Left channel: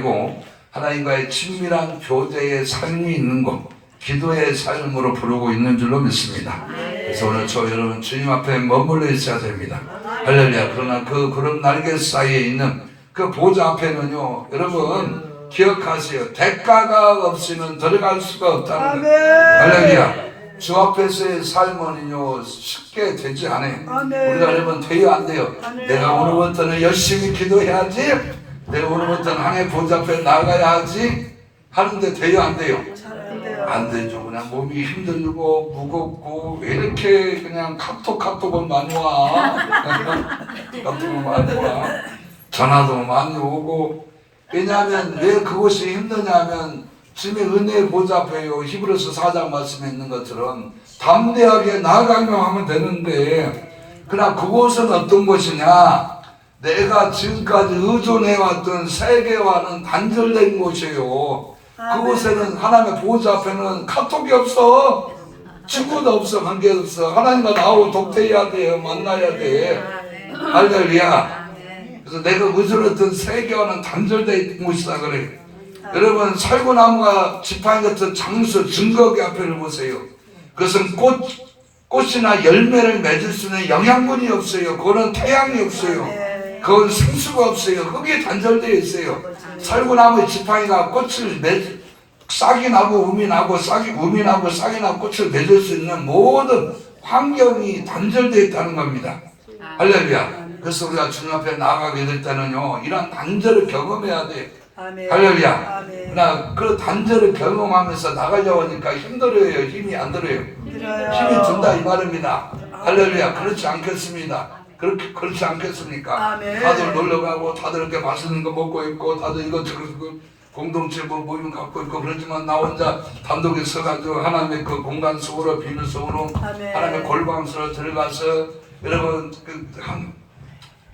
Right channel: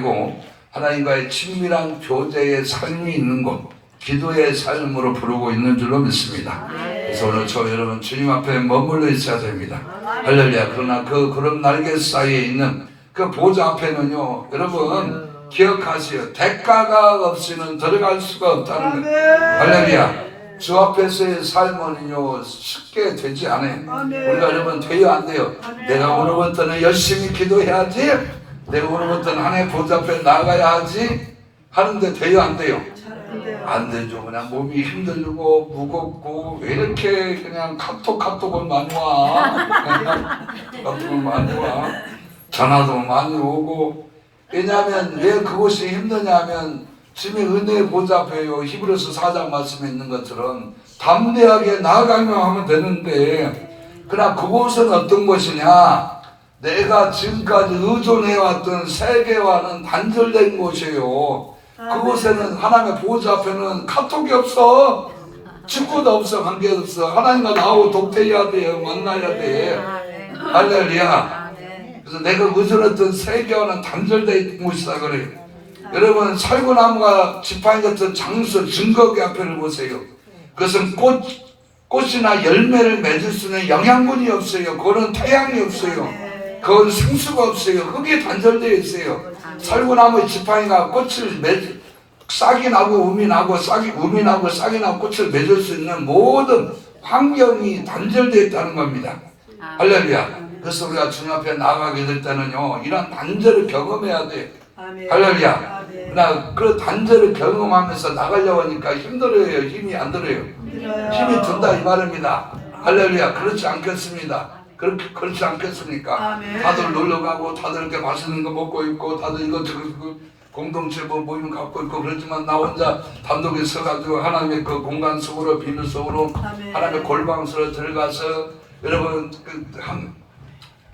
아니고 하나님과의 친밀한 교제의 삶이 있는 것, 기도의 삶으로 부르고 있는 줄로 믿습니다. 그래서 오늘 저 여러분 주님 앞에 머물러 있어야 됩니다. 할렐루야. 그러나 그런 날개 사이에 있는 그 보좌 앞에는요, 여러분 기억하세요. 대가가 없이는 들어갈 수가 없다는 것. 할렐루야. 주 앞에서의 삶은요 쉽게 되지 않아요. 우리가 여러분 돼요 안 돼요? 내가 오늘부터는 열심히 기도해야지, 내가 오늘부터는 하나님의 보좌 앞에 나가야 하지 하는데 돼요 안 돼요? 안 되죠. 그냥 몸이 힘들고 무겁고 왜 이렇게 그냥 카톡은 많이 와. 카톡은 많이 와. 전화도 많이 오고. 왜냐하면 왜 그것이 힘드냐면 주님의 은혜의 보좌 앞에요, 히브리서 4장 말씀에 있는 것처럼 담대하게 나아가며 하면 되는데, 그러나 그곳은 어떤 곳이냐, 내가 지금까지 의존해왔던 세계와는 단절된 곳이에요. 그곳에는 하나님의 보좌 앞에는 카톡이 없어, 친구도 없어, 관계 없어. 하나님과 나하고 독대해야 돼요. 만나야 돼. 할렐루야. 그래서 내가 의존했던 세계와는 단절되어 있는 곳이다 그래요. 여러분 살구나무가 지팡이 같은 장수 증거기 앞에를 보세요. 그것은 꽃이나 열매를 맺을 수 있는 영양분이 없어요. 그건 태양이 없어요. 그건 생수가 없어요. 흙이 단절되어 있어요. 살구나무의 지팡이가 꽃을 싹이 나고 우미 나고 우미 나고 싹이 나고 꽃을 맺을 수 있는 모든 환경이 단절되어 있다는 겁니다. 할렐루야. 그래서 우리가 주님 앞에 나가게 될 때는요, 이런 단절을 경험해야 돼요. 할렐루야. 그러나 그 단절을 경험하면서 나가려고 하니까 힘들어요. 힘이 안 들어요. 힘이 든다 이 말입니다. 할렐루야. 그렇지 않겠습니다. 그렇지 않겠습니까? 다들 놀러 가고 다들 이렇게 맛있는 거 먹고 있고 다들 이것저것 공동체 모임 갖고 있고 그렇지만 나 혼자 단독에 서가지고 하나님의 그 공간 속으로 비밀 속으로 하나님의 골방으로 들어가서 여러분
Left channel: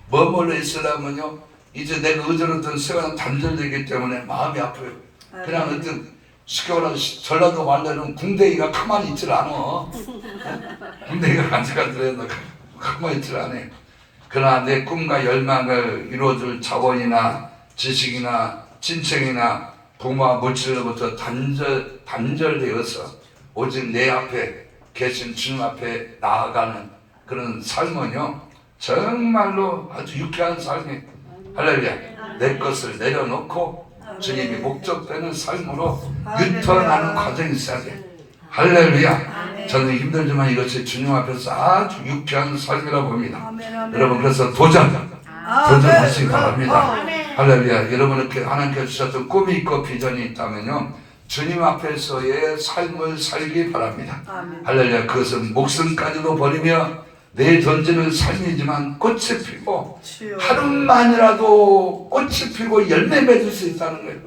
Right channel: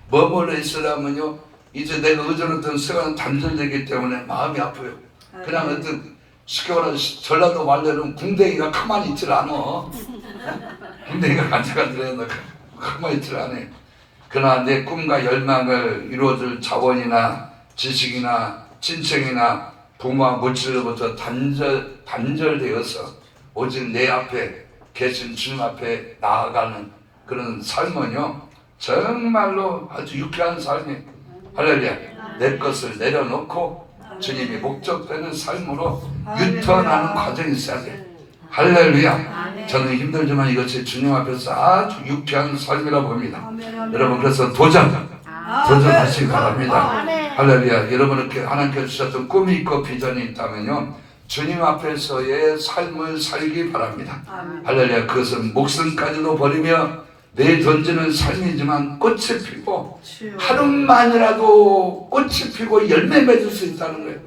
머물러 있으려면요, 이제 내가 의존했던 세계는 단절되기 때문에 마음이 아파요. 그냥 어떤 쉽게 말하면 전라도 말로는 궁뎅이가 가만히 있질 않아. 궁뎅이가 간질간질해서 가만히 있질 않아요. 그러나 내 꿈과 열망을 이루어줄 자본이나 지식이나 친척이나 부모와 물질로부터 단절되어서 오직 내 앞에 계신 주님 앞에 나아가는 그런 삶은요, 정말로 아주 유쾌한 삶이에요. 할렐루야. 내 것을 내려놓고 주님이 목적되는 삶으로 유턴하는 과정이 있어야 돼요. 할렐루야. 저는 힘들지만 이것이 주님 앞에서 아주 유쾌한 삶이라고 봅니다. 여러분 그래서 도전하시기 바랍니다. 할렐루야. 여러분께 하나님께서 주셨던 꿈이 있고 비전이 있다면요, 주님 앞에서의 삶을 살기 바랍니다. 할렐루야. 그것은 목숨까지도 버리며 내 던지는 삶이지만 꽃이 피고 하루만이라도 꽃이 피고 열매 맺을 수 있다는 거예요.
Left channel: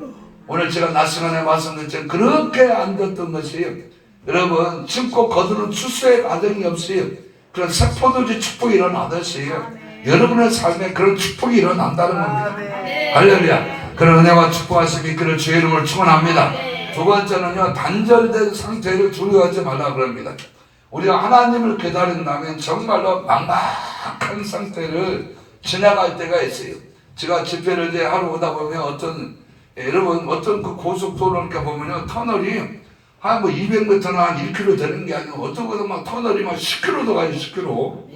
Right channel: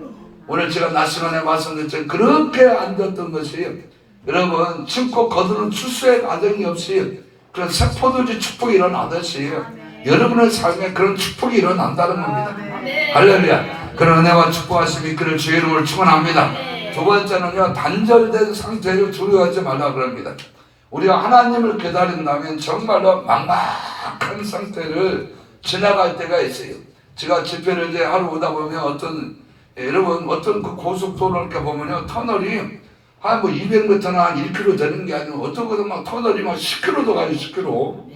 오늘 제가 낮 시간에 말씀드렸지만 그렇게 안 됐던 것이에요. 여러분 심고 거두는 추수의 과정이 없이 그런 세포들이 축복이 일어나듯이 여러분의 삶에 그런 축복이 일어난다는 겁니다. 할렐루야. 그런 은혜와 축복하심이 그를 주의 이름으로 축원합니다. 두 번째는요, 단절된 상태를 두려워하지 말라 그럽니다. 우리가 하나님을 깨달은다면 정말로 막막한 상태를 지나갈 때가 있어요. 제가 집회를 이제 하러 오다 보면 여러분 어떤 그 고속도로를 이렇게 보면요, 터널이 한 뭐 200m나 한 1km 되는 게 아니고 어떤 것은 막 터널이 막 10km도 가요, 10km.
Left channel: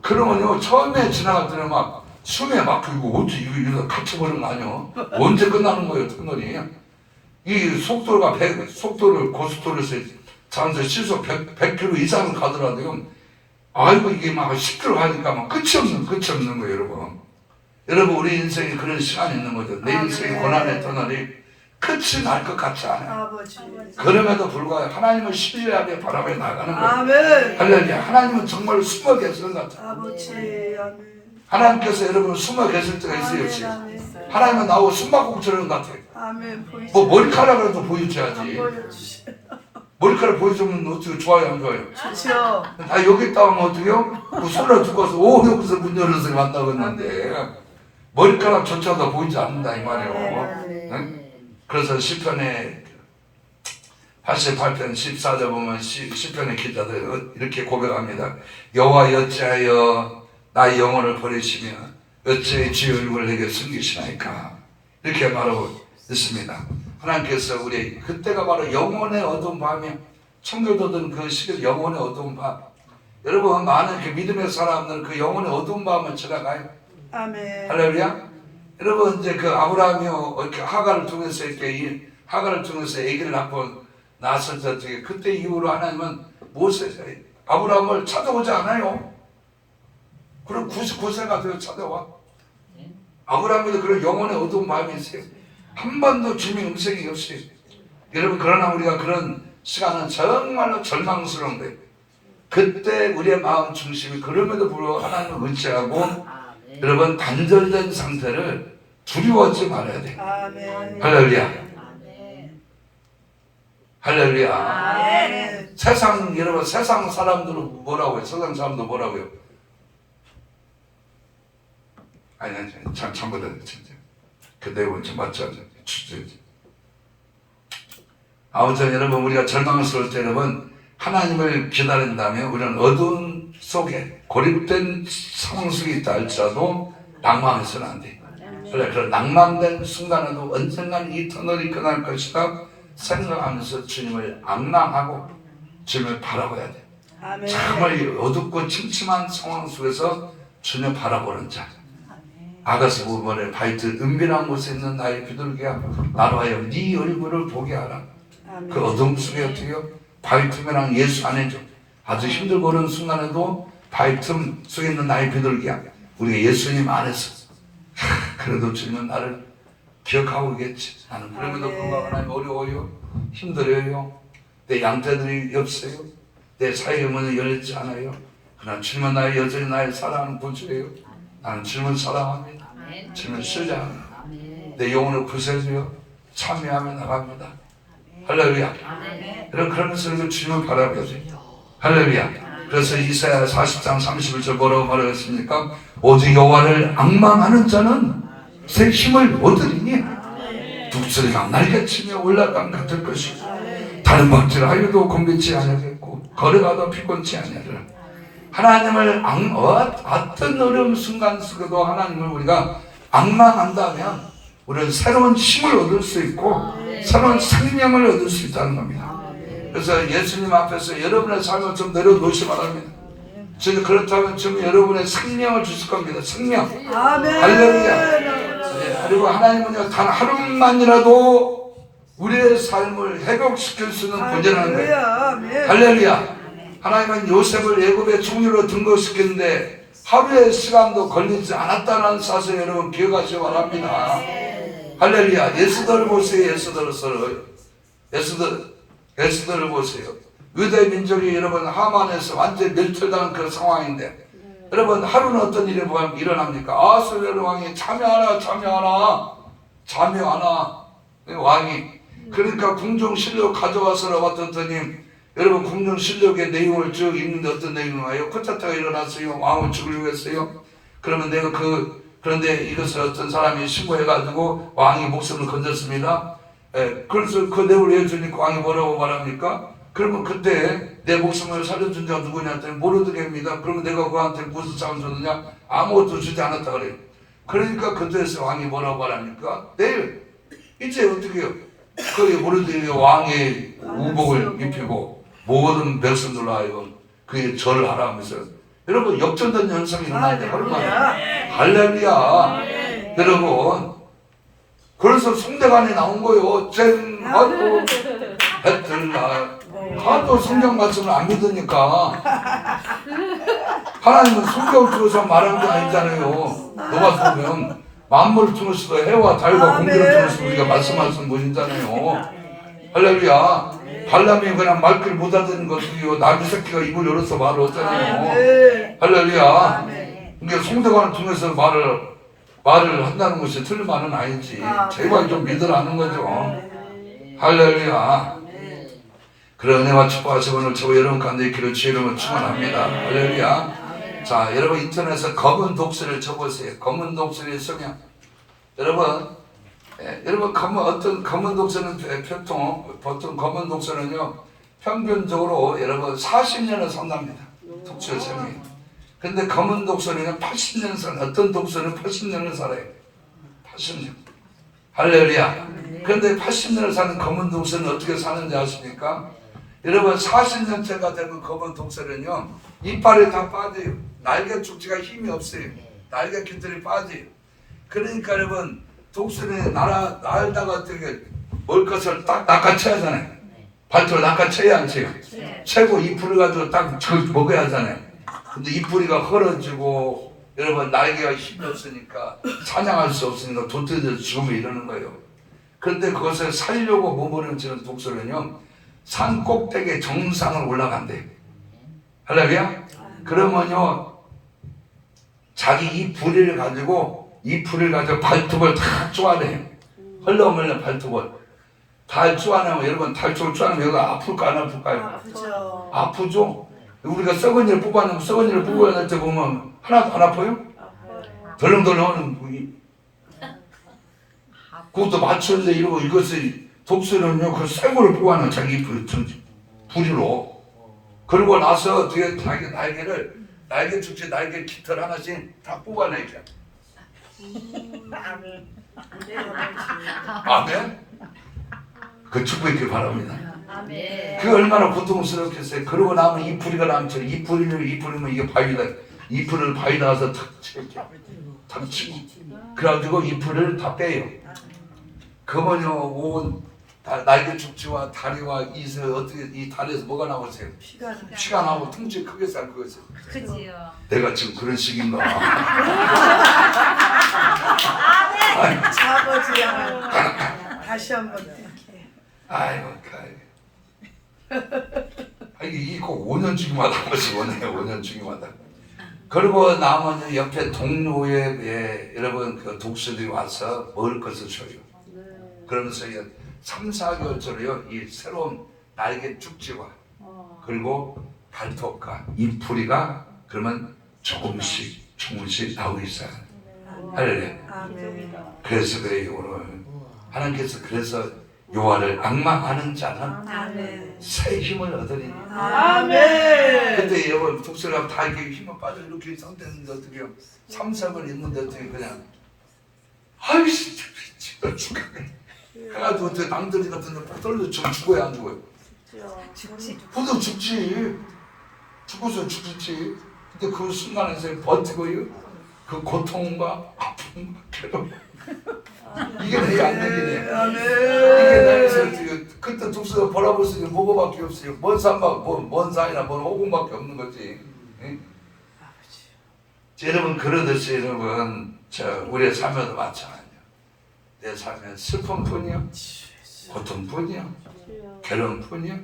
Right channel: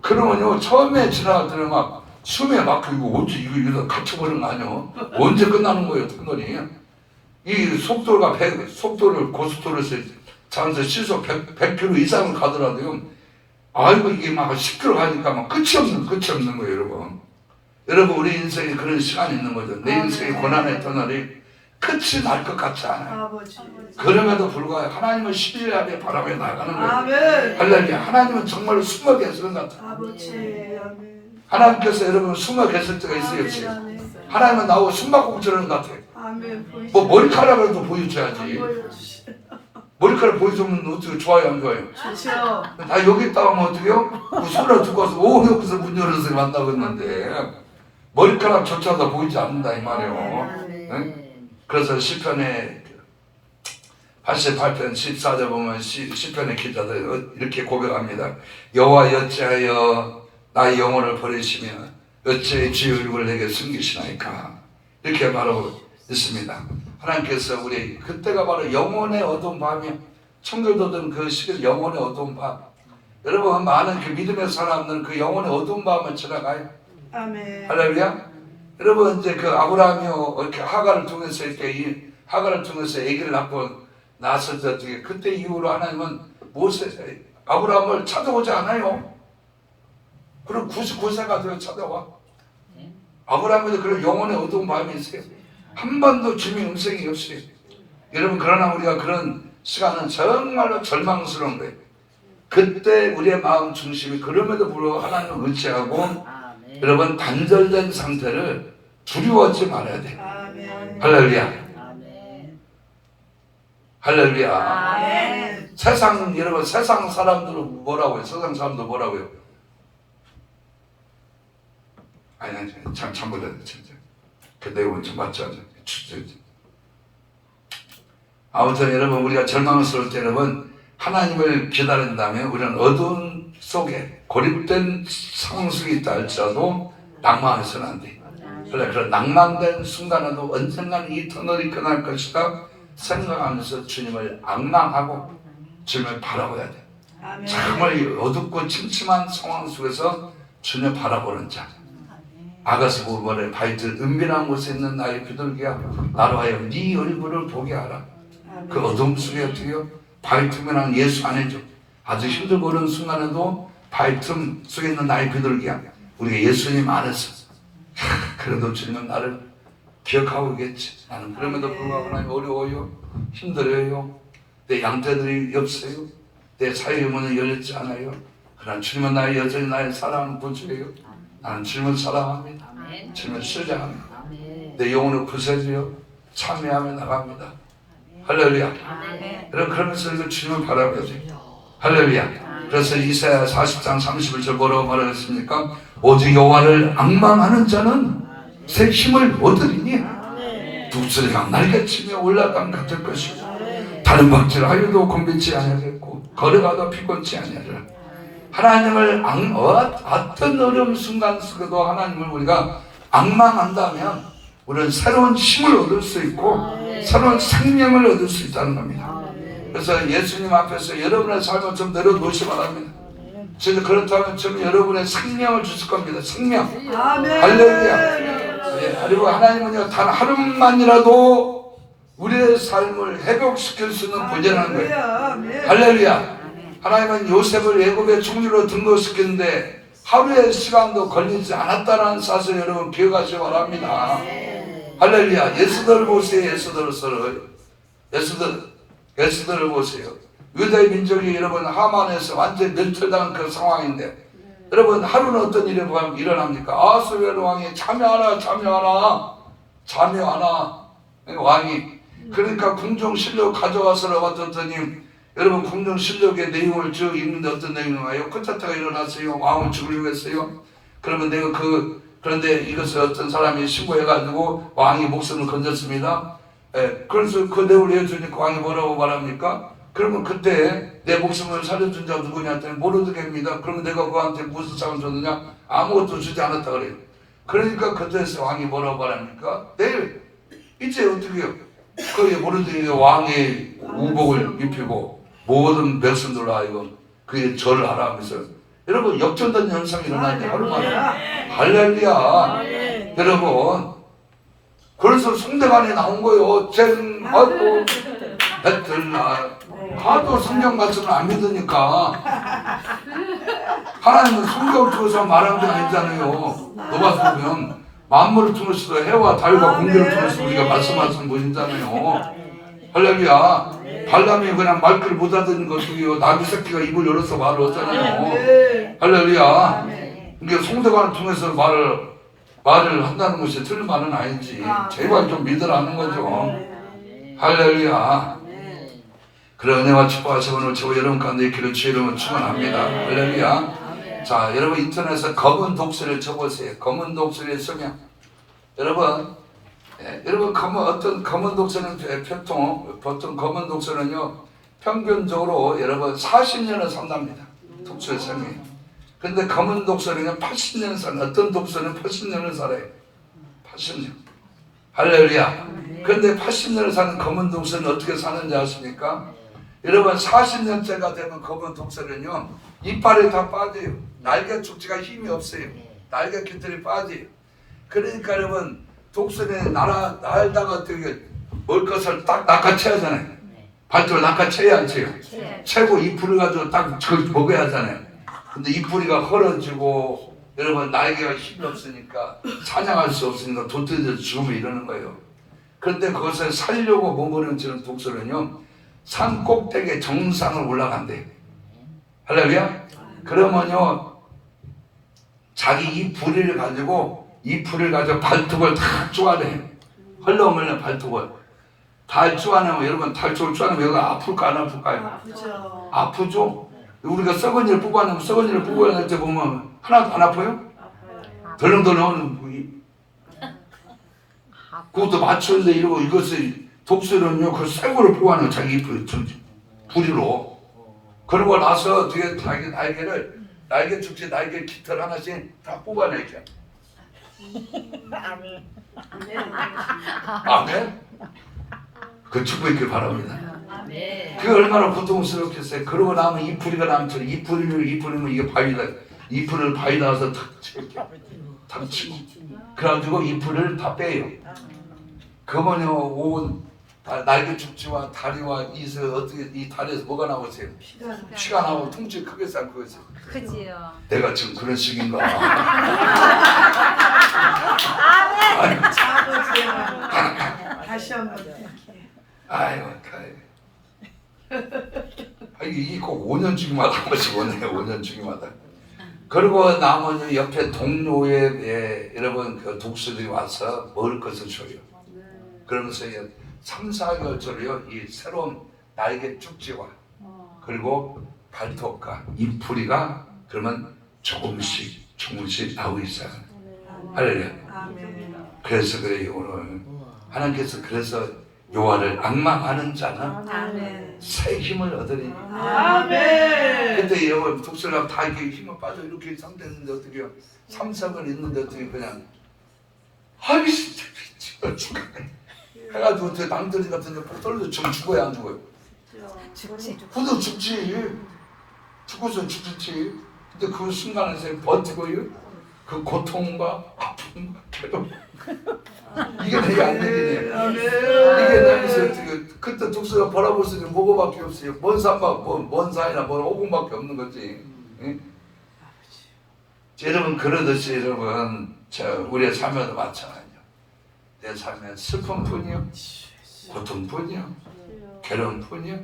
그러면요, 처음에 지나갈 때는 막 숨에 막히고 어째 이거 갇혀버리는 거 아니요? 언제 끝나는 거예요, 터널이? 이 속도를 고속도로에서 잠시 시속 100km 이상을 가더라도요, 아이고 이게 막 10km 가니까 막 끝이 없는 거예요, 여러분. 여러분 우리 인생에 그런 시간이 있는 거죠. 내 인생의 고난의 터널이 끝이 날 것 같지 않아요. 그럼에도 불구하고 하나님을 신뢰하게 바라며 나가는 거예요. 할렐루야. 하나님은 정말 숨어 계시는 것 같아요. 하나님께서 여러분 숨어 계실 때가 있어요, 없어요? 하나님은 나하고 숨바꼭질하는 것 같아요. 뭐 머리카락이라도 보여줘야지. 머리카락 보여주면 어떻게 좋아요, 안 좋아요? 좋죠. 다 여기 있다 하면 어떡해요? 그 손을 두고 와서 여기서 문 열어서 간다고 했는데 머리카락조차도 보이지 않는다 이 말이에요. 네? 그래서 시편에 88편 14절 보면 시편의 기자들 이렇게 고백합니다. 여호와 어찌하여 나의 영혼을 버리시며 어찌하여 주의 얼굴을 내게 숨기시나이까. 이렇게 말하고 있습니다. 하나님께서 우리 그때가 바로 영혼의 어두운 밤이 청교도든 그 시절 영혼의 어두운 밤. 여러분 많은 그 믿음의 사람들은 그 영혼의 어두운 밤을 지나가요. 아멘. 할렐루야. 여러분 이제 그 아브라함이 이렇게 하가를 통해서 이렇게 이 하가를 통해서 아기를 낳고 낳았을 때 그때 이후로 하나님은 아브라함을 찾아오지 않아요. 그럼 99세가 되어 찾아와. 아브라함에도 그런 영혼의 어두운 마음이 있어요. 한 번도 주님의 음성이 없이. 여러분 그러나 우리가 그런 시간은 정말로 절망스러운 거예요. 그때 우리의 마음 중심이 그럼에도 불구하고 하나님을 의지하고 여러분 단절된 상태를 두려워하지 말아야 돼요. 할렐루야. 할렐루야. 세상 여러분 세상 사람들은 뭐라고요? 세상 사람들 뭐라고요? 아니 참고다 진짜 그 내용은 좀 맞지 않아요. 아무튼 여러분 우리가 절망스러울 때 여러분 하나님을 기다린다면 우리는 어두운 속에 고립된 상황 속에 있다 할지라도 낭만해서는 안 돼. 그래 낭만된 순간에도 언젠가는 이 터널이 끝날 것이다 생각하면서 주님을 앙망하고 주님을 바라봐야 돼. 정말 어둡고 침침한 상황 속에서 주님을 바라보는 자. 아가서 보면에 바이트 은밀한 곳에 있는 나의 비둘기야 나로 하여금 네 얼굴을 보게 하라. 그 어둠 속에 어떻게요? 바위틈에랑 예수 안에죠. 아주 힘들고 어려운 순간에도 바위틈 속에 있는 나의 비둘기야. 우리가 예수님 안에서 그래도 주님은 나를 기억하고 있겠지. 나는 그럼에도 불구하고 하나님 어려워요. 힘들어요. 내 양떼들이 없어요. 내 사이의 문은 열리지 않아요. 그러나 주님은 나의 여전히 나의 사랑하는 분이에요. 나는 주님을 사랑합니다. 주님을 신뢰합니다. 내 영혼을 구세주여 참여하며 나갑니다. 할렐루야. 여러분 그러면서 주님을 바라봐야 돼요. 할렐루야. 그래서 이사야 40장 31절 뭐라고 말하겠습니까? 오직 여호와를 앙망하는 자는 새 힘을 얻으리니 독수리가 날개치며 올라간 같을 것이고 다른 박질 하여도 곤비치 아니하겠고 걸어가도 피곤치 아니하리라. 하나님을 어떤 어려운 순간 속에도 하나님을 우리가 앙망한다면 우리는 새로운 힘을 얻을 수 있고 새로운 생명을 얻을 수 있다는 겁니다. 그래서 예수님 앞에서 여러분의 삶을 좀 내려놓으시 바랍니다. 저는 그렇다면 좀 여러분의 생명을 주실 겁니다. 생명. 할렐루야. 그리고 하나님은요 단 하루만이라도 우리의 삶을 회복시킬 수 있는 부재한 거예요. 할렐루야. 하나님은 요셉을 애굽의 총리로 등극시켰는데 하루의 시간도 걸리지 않았다는 사실 여러분 기억하시기 바랍니다. 할렐루야. 예수들을 보세요. 예수들을 보세요. 유대 민족이 여러분 하만에서 완전히 멸절당한 그 상황인데 여러분 하루는 어떤 일이 일어납니까? 아수르 왕이 참여하라 왕이 그러니까 궁중실록 가져와서 봤더니 여러분 궁중실록의 내용을 쭉 읽는데 어떤 내용이에요? 쿠데타가 일어났어요. 왕을 죽이려고 했어요. 그러면 그런데 이것을 어떤 사람이 신고해가지고 왕이 목숨을 건졌습니다. 그래서 그 내용을 해주니까 왕이 뭐라고 말합니까? 그러면 그때 내 목숨을 살려준 자가 누구냐 했더니 모르겠습니다. 그러면 내가 그한테 무슨 상을 줬느냐? 아무것도 주지 않았다 그래요. 그러니까 그때서 왕이 뭐라고 말합니까? 내일 이제 어떻게 해요? 그래 모르더니 왕의 우복을 입히고 모든 백성들로 하여금 그의 절을 하라 하면서 여러분 역전된 현상이 일어나는데 얼마나 할렐루야. 여러분 그래서 성대관이 나온 거예요. 쨍하고 배틀나 하도 성경 말씀을 안 믿으니까 하나님은 성경을 통해서 말한 게 아니잖아요. 너가 보면 만물을 통해서 해와 달과 공기를 통해서 우리가 말씀하시는 분이잖아요. 할렐루야. 발람이 그냥 말귀를 못 알아듣는 것이요 나귀 새끼가 입을 열어서 말을 하잖아요. 할렐루야. 그러니까 성대관을 통해서 말을 한다는 것이 틀린 말은 아니지. 제발 좀 믿으라는 거죠. 할렐루야. 그런 은혜와 축복하시 오늘 저와 여러분 가운데 있기를 주의 이름으로 축원합니다. 할렐루야. 자, 여러분 인터넷에 검은 독서를 쳐보세요. 검은 독서의 성향. 여러분 어떤 검은 독서는 보통 검은 독서는요 평균적으로 여러분 40년을 산답니다. 독서의 성향이. 근데 검은 독서는 80년을 살아요. 어떤 독서는 80년을 살아요. 80년. 할렐루야. 그런데 80년을 사는 검은 독수리는 어떻게 사는지 아십니까? 여러분 40년째가 되면 검은 독수리는요 이빨이 다 빠져요. 날개 축지가 힘이 없어요. 날개 깃털이 빠져요. 그러니까 여러분 독수리는 날다가 되게 먹을 것을 딱 낚아채잖아요. 발톱을 낚아채야 안 채요? 채고 이 풀을 가지고 딱 먹어야 하잖아요. 근데 이 뿌리가 헐어지고 여러분 날개가 힘이 없으니까 사냥할 수 없으니까 도태돼서 죽으면 이러는 거예요. 그런데 그것을 살려고 머무르는 독수리는요 산 꼭대기에 정상을 올라간대요. 할렐루야. 그러면요 자기 이 뿌리를 가지고 발톱을 다 쪼아내요. 헐렁헐렁 발톱을 달 쪼아내면 여러분 달쪽을 쪼아내면 여기가 아플까 안 아플까요? 아프죠. 아프죠. 우리가 썩은이를 뽑아내면 썩은이를 뽑아낼 때 보면 하나도 안 아파요? 덜렁덜렁하는 부위. 그것도 맞춰서 이러고 이것을 독수리는요 그 쇠고를 뽑아내요. 자기 부리로. 그러고 나서 뒤에 자기 날개 축지 날개 깃털 하나씩 다 뽑아내죠. 아멘. 그 축복 있길 바랍니다. 그게 얼마나 고통스럽겠어요. 그러고 나면 이 뿌리가 남죠. 이 뿌리면 이게 바위다. 이 뿌리를 바위다 가서 탁 치고 그래가지고 이 뿌리를 다 빼요. 그러면요 온 날개 축지와 다리와 이서 어떻게 이 다리에서 뭐가 나오세요? 피가 나오고 통째 크게 쌀 거지. 그지요. 내가 지금 그런 식인가? 아버지야. 다시 한번. 아이고, 이게 꼭 5년 주기마다 한 번씩 오네요. 5년 주기마다. 그리고 나머지 옆에 동료에 여러분 그 독수리들이 와서 먹을 것을 줘요. 그러면서 3, 4개월짜리요 이 새로운 날개 축지와 그리고 발톱과 이 뿌리가 그러면 조금씩 나오고 있어요. 할렐루야. 그래서 그래요 오늘 하나님께서 그래서 여호와를 앙망하는 자는 새 힘을 얻으리니. 아멘. 근데 여러분 독수리가 다 이렇게 힘을 빠져 이렇게 상태인데 어떻게 해요? 3, 4번 있는데 어떻게 그냥 아이 진짜 죽겠네. 해가지고 어떻게 낭떠러지 같은데 폭 떨어져 죽어야 안 죽어요? 죽지. 그도 죽지. 죽어서 죽지. 근데 그 순간에서 버티고요. 그 고통과 아픔과 괴로움. 이게 내 안되기네. 이게 나에서 그때 독수리가 바라볼 수 있는 뭐가밖에 없어요. 먼 산이나 먼 오공밖에 없는 거지. 응? 여러분 그러듯이 여러분 우리의 삶에도 마찬가지요. 내 삶에 슬픔뿐이요, 고통뿐이요, 괴로움뿐이요.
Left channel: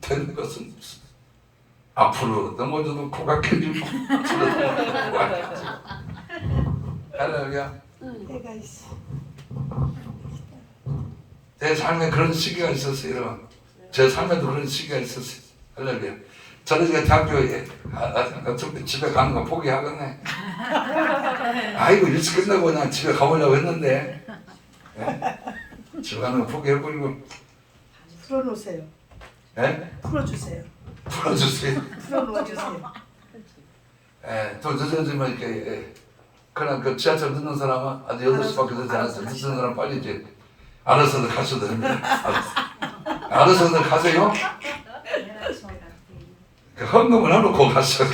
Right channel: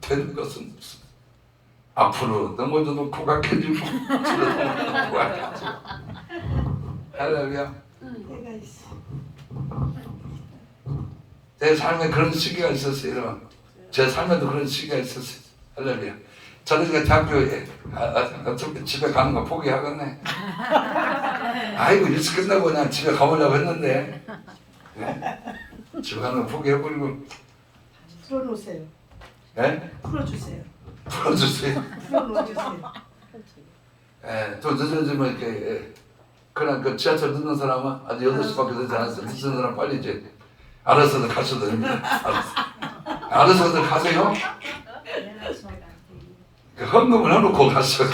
되는 것은 무슨 앞으로 넘어져도 포각해주고 지나도 포각해주고. 할렐루야. 내가 있어. 내 삶에 그런 시기가 있었어요. 여러분 제 삶에도 그런 시기가 있었어요. 할렐루야. 저는 이제 대학교에 집에 가는 거 포기하겠네. 아이고 일찍 끝나고 그냥 집에 가보려고 했는데 집에 가는 거 포기해버리고. 풀어놓으세요. 예? 풀어주세요. 풀어주세요. 풀어놓으세요. 또 늦어지면 이렇게 그냥 그 지하철 늦는 사람은 아직 8시밖에 되지 않았어. 늦는 사람 빨리 이제 알아서들 가셔도 됩니다. 알아서들 가세요. 헌금을 해놓고 갔어.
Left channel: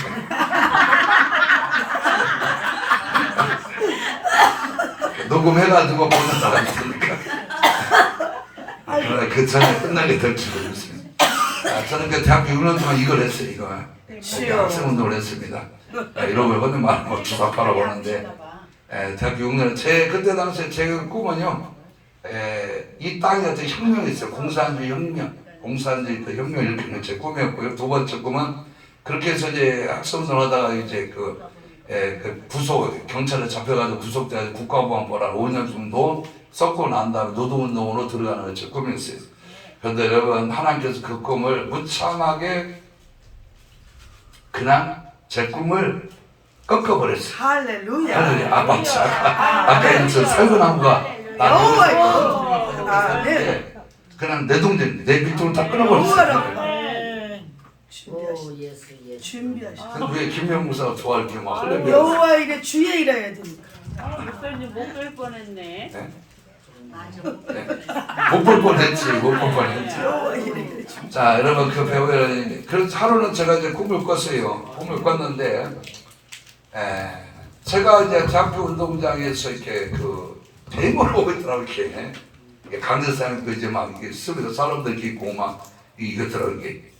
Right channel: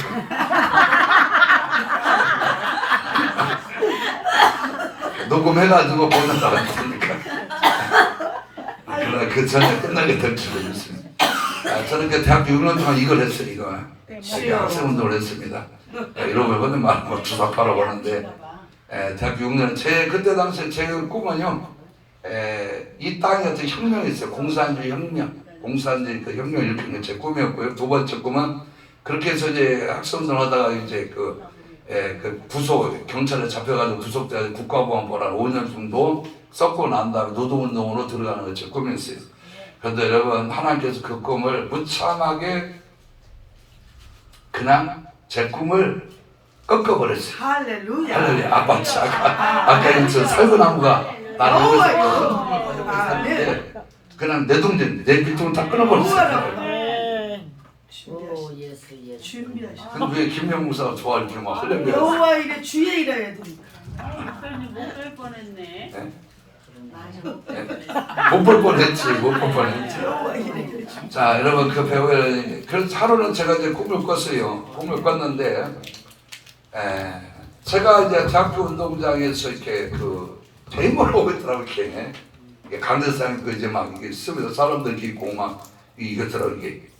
녹음해가지고 보는 사람이니까. 그러나 그 전에 끝나게 될 줄도 모르겠습니다. 저는 그 대학교 6년 동안 이걸 했어요. 이거 학생운동을 했습니다. 이런 걸 말하고 주사파라고 하는데 대학교 6년 그때 당시에 제 꿈은요 이 땅에 어떤 혁명이 있어요. 공산주의 혁명, 공산주의 그 혁명을 일으키는 제 꿈이었고요. 두 번째 꿈은 그렇게 해서 이제 학생운동을 하다가 이제 그 구속 경찰에 잡혀가지고 구속돼서 국가보안법안 5년 정도 썩고 난 다음에 노동운동으로 들어가는 게 제 꿈이었어요. 그런데 여러분 하나님께서 그 꿈을 무참하게 그냥 제 꿈을 꺾어버렸어요. 할렐루야. 할렐루야. 아까 저 살구나무가 나를 옆에 샀는데 그냥 내 동전 내 밑으로 다 끊어버렸어요. 준비하시오. 근데 왜 김영 목사가 좋아할게 막 할렐루야. 여호와에게 주의 일해야 됩니다. 목소리 못될 뻔했네. 네? 못 볼 뻔했지, 못 볼 뻔했지. 자, 여러분 그 배우를 그래서 하루는 제가 이제 꿈을 꿨어요. 꿈을 꿨는데, 제가 이제 대학교 운동장에서 이렇게 그 대문을 오고 있더라고 이렇게 강대상 이제 막 이게 쓰면서 사람들 있고 막 이것더라고 이게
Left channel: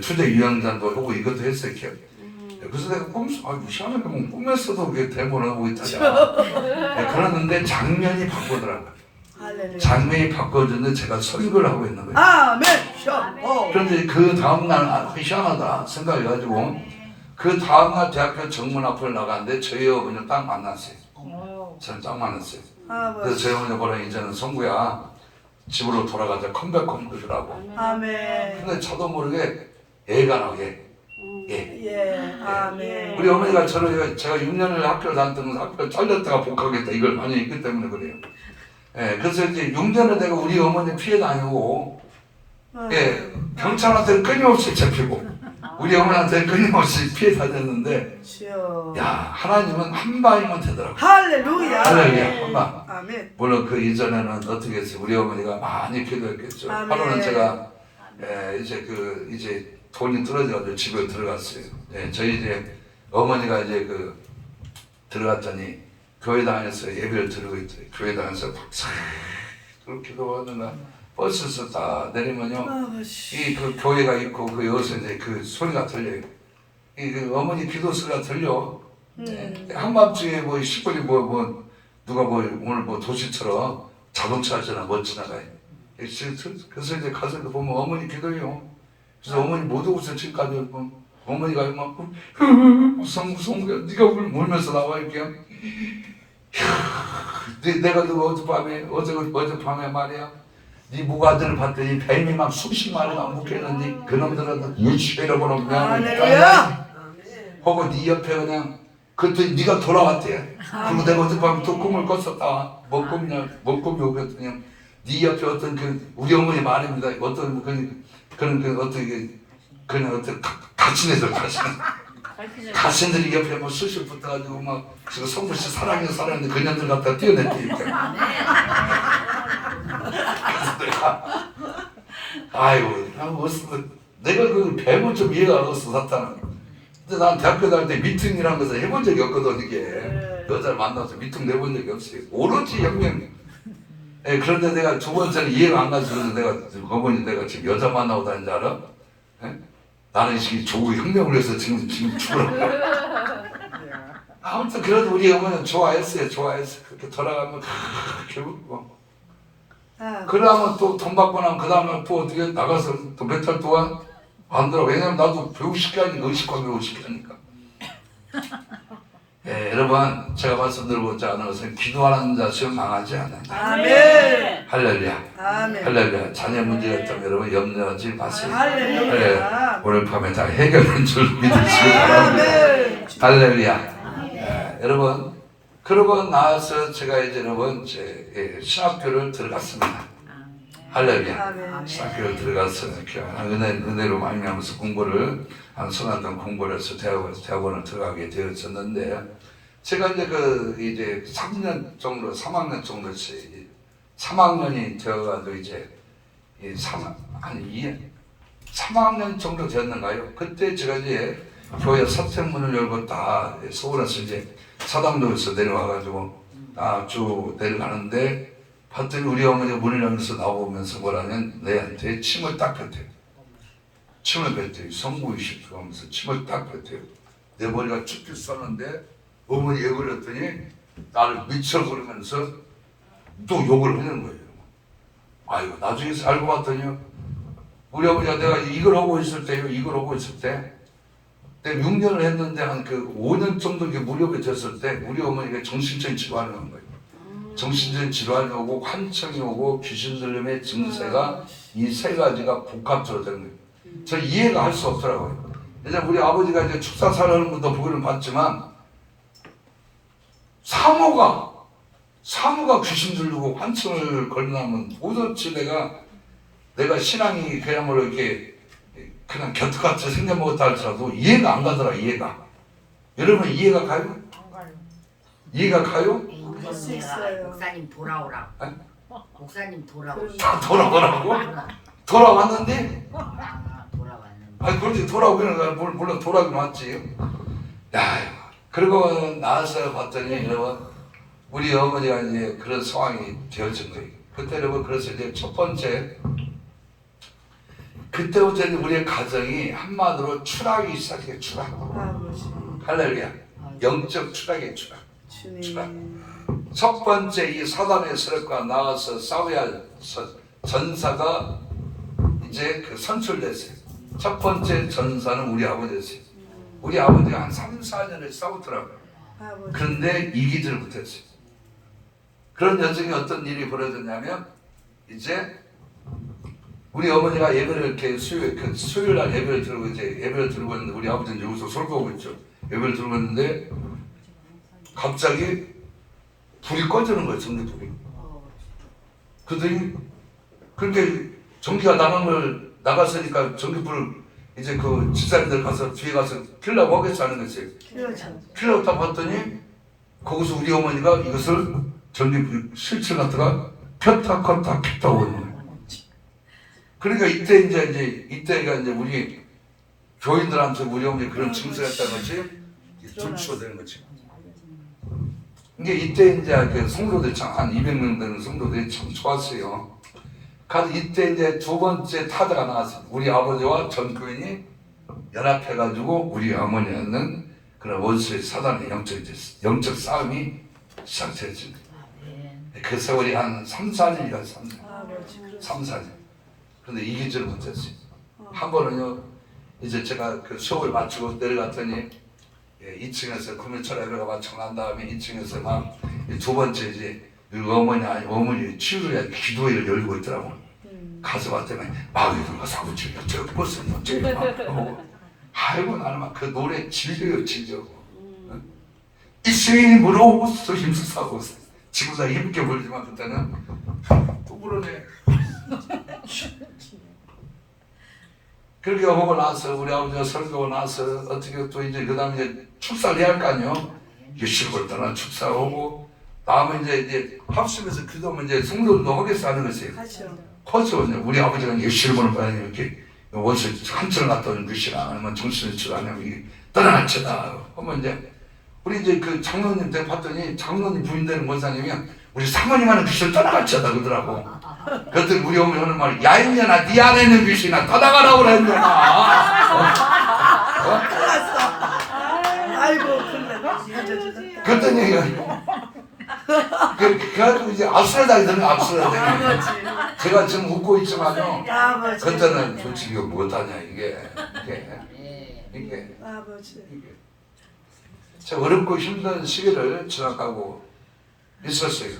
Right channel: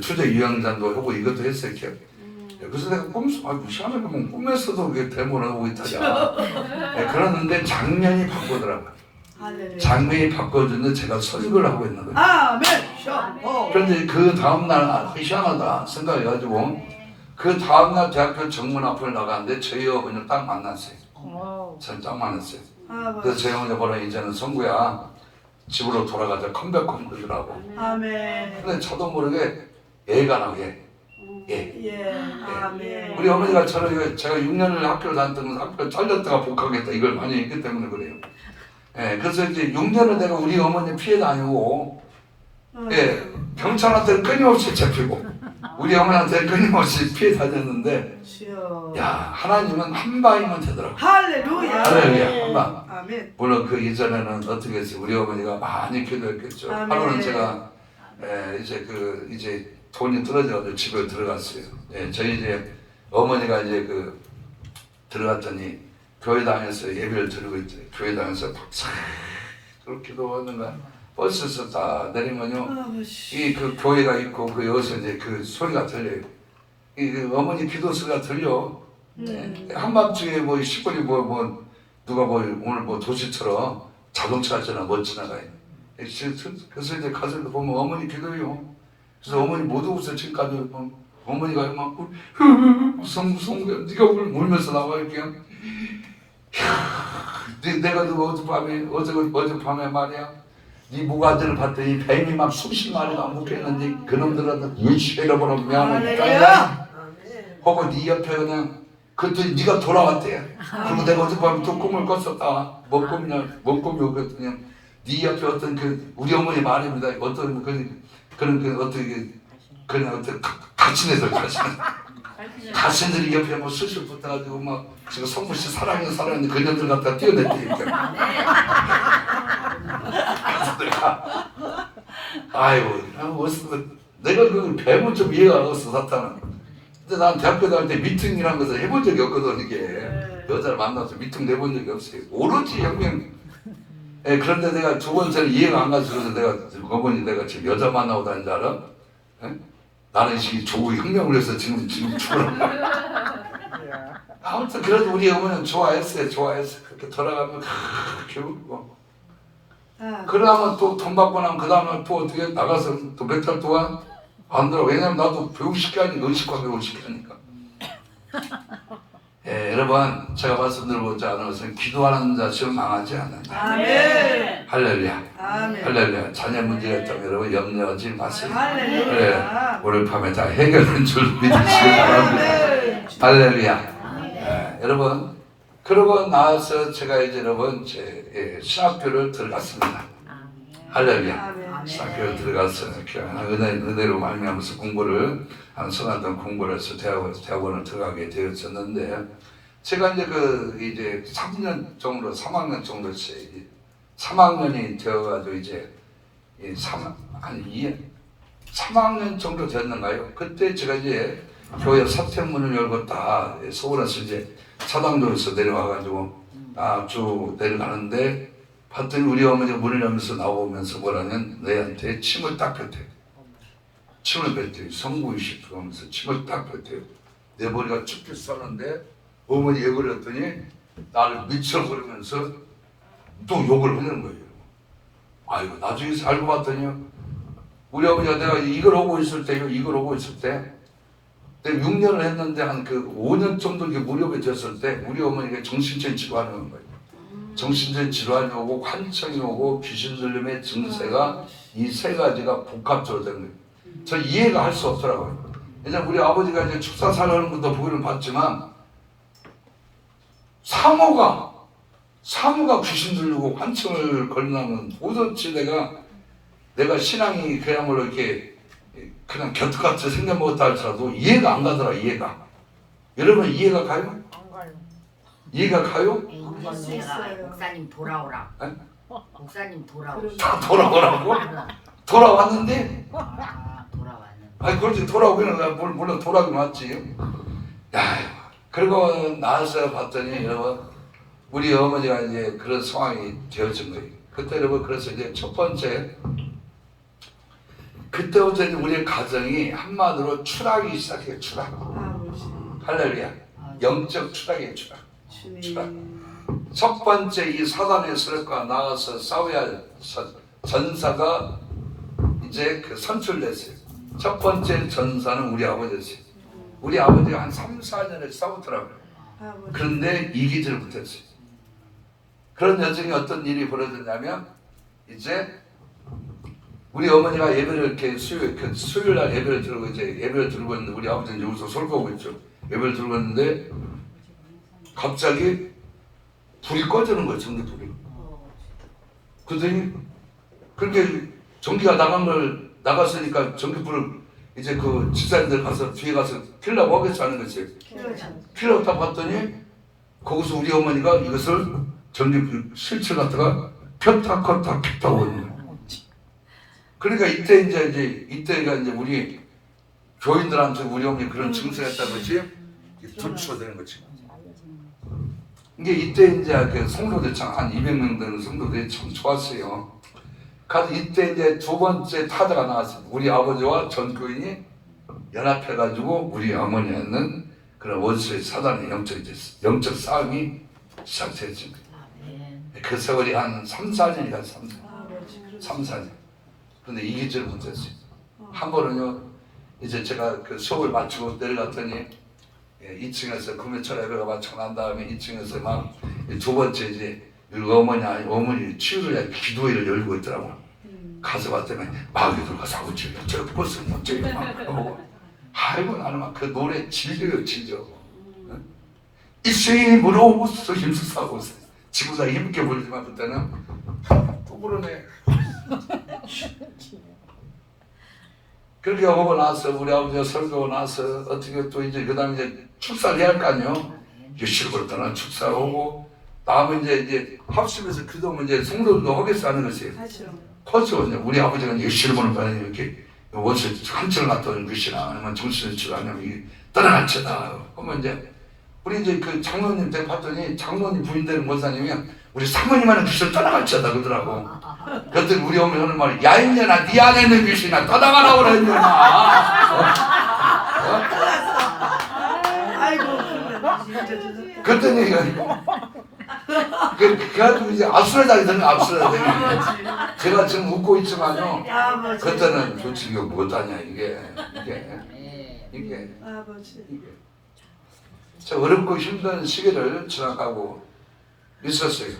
투제 유영장도 하고 이것도 했어요 이렇게. 그래서 내가 꿈속 무시하는 거 꿈에서도 왜 대문을 오고 있다냐. 그러는데 장면이 바꾸더라고요. 할렐루야. 장면이 바꿔졌는데 제가 설교를 하고 있는 거예요. 아멘. 샤. 그런데 그 다음날 희한하다 생각해가지고 그 다음날 대학교 정문 앞을 나갔는데 저희 어머니를 딱 만났어요. 저는 딱 만났어요. 그래서 저희 어머니 보라 이제는 성구야 집으로 돌아가자 컴백 컴백이라고. 아멘. 근데 저도 모르게 애가 나게. 예. 아멘. 우리 어머니가 저를 제가 6년을 학교를 다녔던 건 학교 잘렸다가 복학했다 이걸 많이 있기 때문에 그래요. 그래서 이제 6년을 내가 우리 어머니 피해 다니고 경찰한테는 끊임없이 잡히고 우리 어머니한테는 끊임없이 피해 다녔는데 야 하나님은 한 방이면 되더라고. 할렐루야. 할렐루야 한 방. 아멘. 물론 그 이전에는 어떻게 했어요? 우리 어머니가 많이 기도했겠죠. 아멘. 하루는 제가 이제 돈이 떨어져가지고 집에 들어갔어요. 저희 이제 어머니가 이제 그 들어갔더니 교회당에서 예배를 드리고 있더니 교회당에서 박사 그렇게 기도하는 거야. 버스에서 다 내리면요 이 그 교회가 있고 그 여기서 이제 그 소리가 들려요. 이 어머니 기도 소리가 들려. 한밤중에 뭐 시골이 뭐 누가 뭐 오늘 뭐 도시처럼 자동차잖아 못 지나가요. 그래서 이제 가서 보면 어머니 기도해요. 그래서 어머니 못 오고서 지금까지 어머니가 막 무서운 게 네가 울면서 나와 이렇게. 내가 그 어젯밤에 말이야. 네 모가들을 봤더니 뱀이 막 수십 마리가 묶여있는데 그놈들은 유치해버려 그냥 하고 네 옆에 그냥 그랬더니 네가 돌아왔대. 그리고 내가 어젯밤에 또 꿈을 꿨었다. 뭐 꿈이 오겠더니 네 옆에 어떤 그 우리 어머니 말입니다. 어떤 그런 어떤 가신들이 옆에 뭐 수십 붙어가지고 막 지금 성부씨 사랑하는데 그녀들 갖다 뛰어냈다니까. 그래서 내가 아이고 내가 그 뱀은 좀 이해가 안 갔어 사탄은. 근데 난 대학교 다닐 때 미팅이라는 것을 해본 적이 없거든 이게. 여자를 만나서 미팅 내본 적이 없어요. 오로지 영명. 그런데 내가 두 번째는 이해가 안 가서 내가 어머니 내가 지금 여자 만나고 다니는 줄 알아? 나는 지금 조국 혁명을 해서 지금 죽으라고. 아무튼 그래도 우리 어머니는 좋아했어요. 그렇게 돌아가면 결국 그러면 또 돈 받고 나면 그 다음에 또 어떻게 나가서 또 몇 달 동안 안 들어. 왜냐면 나도 배우식 게 아니고 의식과 배우식 게 하니까. 여러분 제가 말씀드리고자 하는 것은 기도하는 자 시험 망하지 않는다. 아멘. 할렐루야. 아멘. 할렐루야. 자녀 문제가 있다면 여러분 염려하지 마세요. 할렐루야. 그래, 오늘 밤에 다 해결된 줄 믿으시기 바랍니다. 할렐루야. 여러분 그러고 나서 제가 이제 여러분 신학교를 들어갔습니다. 할렐루야. 신학교를 들어가서 은혜로 말미암아서 공부를 한 서간동 공부를 해서 대학원을 들어가게 되었었는데 제가 이제 3년 정도 3학년 정도 3학년이 되어가지고 이제 3학년 정도 되었는가요? 그때 제가 이제 교회 서택문을 열고 다 서울에서 이제 사당동에서 내려와가지고 쭉 내려가는데 봤더니 우리 어머니가 문을 열면서 나오면서 뭐라면 내한테 침을 딱 뱉어요. 침을 뱉어요. 성구이십시오 하면서 침을 딱 뱉어요. 내 머리가 쭉쭉 썰었는데 어머니 왜 그랬더니 나를 미쳐버리면서 또 욕을 하는 거예요. 아이고 나중에 알고 봤더니 우리 어머니가 내가 이걸 하고 있을 때 내가 6년을 했는데 한 그 5년 정도 무렵이 됐을 때 우리 어머니가 정신적인 질환이 오는 거예요. 정신적인 질환이 오고 환청이 오고 귀신 들림의 증세가 이 세 가지가 복합적으로 되는 거예요. 저는 이해가 할 수 없더라고요. 이제 우리 아버지가 이제 축사사를 하는 것도 보기는 봤지만 사모가 귀신 들리고 환청을 걸리면 도대체 내가 신앙이 그야말로 이렇게 그냥 곁같이 생겨먹었다 할지라도 이해가 안 가더라. 이해가. 여러분 이해가 가요? 이해가 가요? 수 있어요. 목사님 돌아오라. 목사님 돌아오시. 돌아오라고? 돌아왔는데? 돌아왔는데. 아니 그렇지 돌아오기는 물론 돌아오기는 왔지. 야 그리고 나서 봤더니 여러분 우리 어머니가 이제 그런 상황이 되어진 거예요. 그때 여러분 그래서 이제 첫 번째 그때부터 우리의 가정이 한마디로 추락이 시작해요. 추락. 아버지 할렐루야. 영적 추락이에요. 추락. 주님 첫 번째 이 사단의 세력과 나와서 싸워야 할 전사가 이제 그 선출됐어요. 첫 번째 전사는 우리 아버지였어요. 우리 아버지가 한 3, 4년을 싸우더라고요. 아버지 그런데 이기질 못했어요. 그런 여정이 어떤 일이 벌어졌냐면 이제 우리 어머니가 예배를 이렇게 수요일 날 예배를 들고 이제 예배를 들고 있는데 우리 아버지는 여기서 설교하고 있죠. 예배를 들고 있는데 갑자기 불이 꺼지는 거예요. 전기불이. 그랬더니 그렇게 전기가 나갔으니까 전기불을 이제 그 집사님들 가서 뒤에 가서 킬라고 하겠어 하는 거지. 킬라고 딱 봤더니 거기서 우리 어머니가 이것을 전기 스위치를 갖다가 켰다 껐다 켰다 하고 있는 거예요. 그러니까 이때가 이제 우리 교인들한테 우리 어머니 그런 증세가 있다는 것이 불치워되는 거지. 이게 이때 이제 그 성도들 한 200명 되는 성도들이 참 좋았어요. 그래서 이때 이제 두 번째 타자가 나왔어요. 우리 아버지와 전 교인이 연합해가지고 우리 어머니는 그런 원수의 사단의 영적 싸움이 시작됐습니다. 그 세월이 한 3, 4년이 갔습니다. 3, 4년. 그런데 이기지를 못했어요. 한 번은요, 이제 제가 그 수업을 마치고 내려갔더니 2층에서 금요철 예배가 마치고 난 다음에 2층에서 막 두 번째 이제 어머니 치유를 위한 기도회를 열고 있더라고. 가서 봤더니 마귀 들어가서 아버지 저 버스 못 저기 막 아이고 나는 막 그 노래 질려요 질려. 이승이 물어오고서 힘쓰고 지구사 힘있게 불지만 그때는 또 부르네. 그렇게 하고 나서 우리 아버지가 설교하고 나서 어떻게 또 이제 그 다음에 이제 축사를 해야 할 거 아니요. 유실을 떠나 축사를 하고 다음에 이제 합심해서 기도하면 이제 성도들도 하겠어 하는 것이에요. 그렇죠. 우리 아버지가 유실을 보는 이렇게 원수 한층을 갔다 것이나 아니면 정신을 치라 아니면 이게 떠나치다 하면 이제 우리 이제 그 장로님 때 봤더니 장로님 부인 되는 권사님이 우리 사모님하는 귀신을 떠나가치다 그러더라고. 그때 우리 어머니 하는 말이 야 인년아 네 안에 있는 귀신아 떠나가라고 그랬냐. 아이고 그랬더니 그래가지고 이제 압수라장이 되는 압수라장이 제가 지금 웃고 있지만요 그때는 솔직히 이거 못하냐 이게 저 어렵고 힘든 시기를 지나가고 있었어요.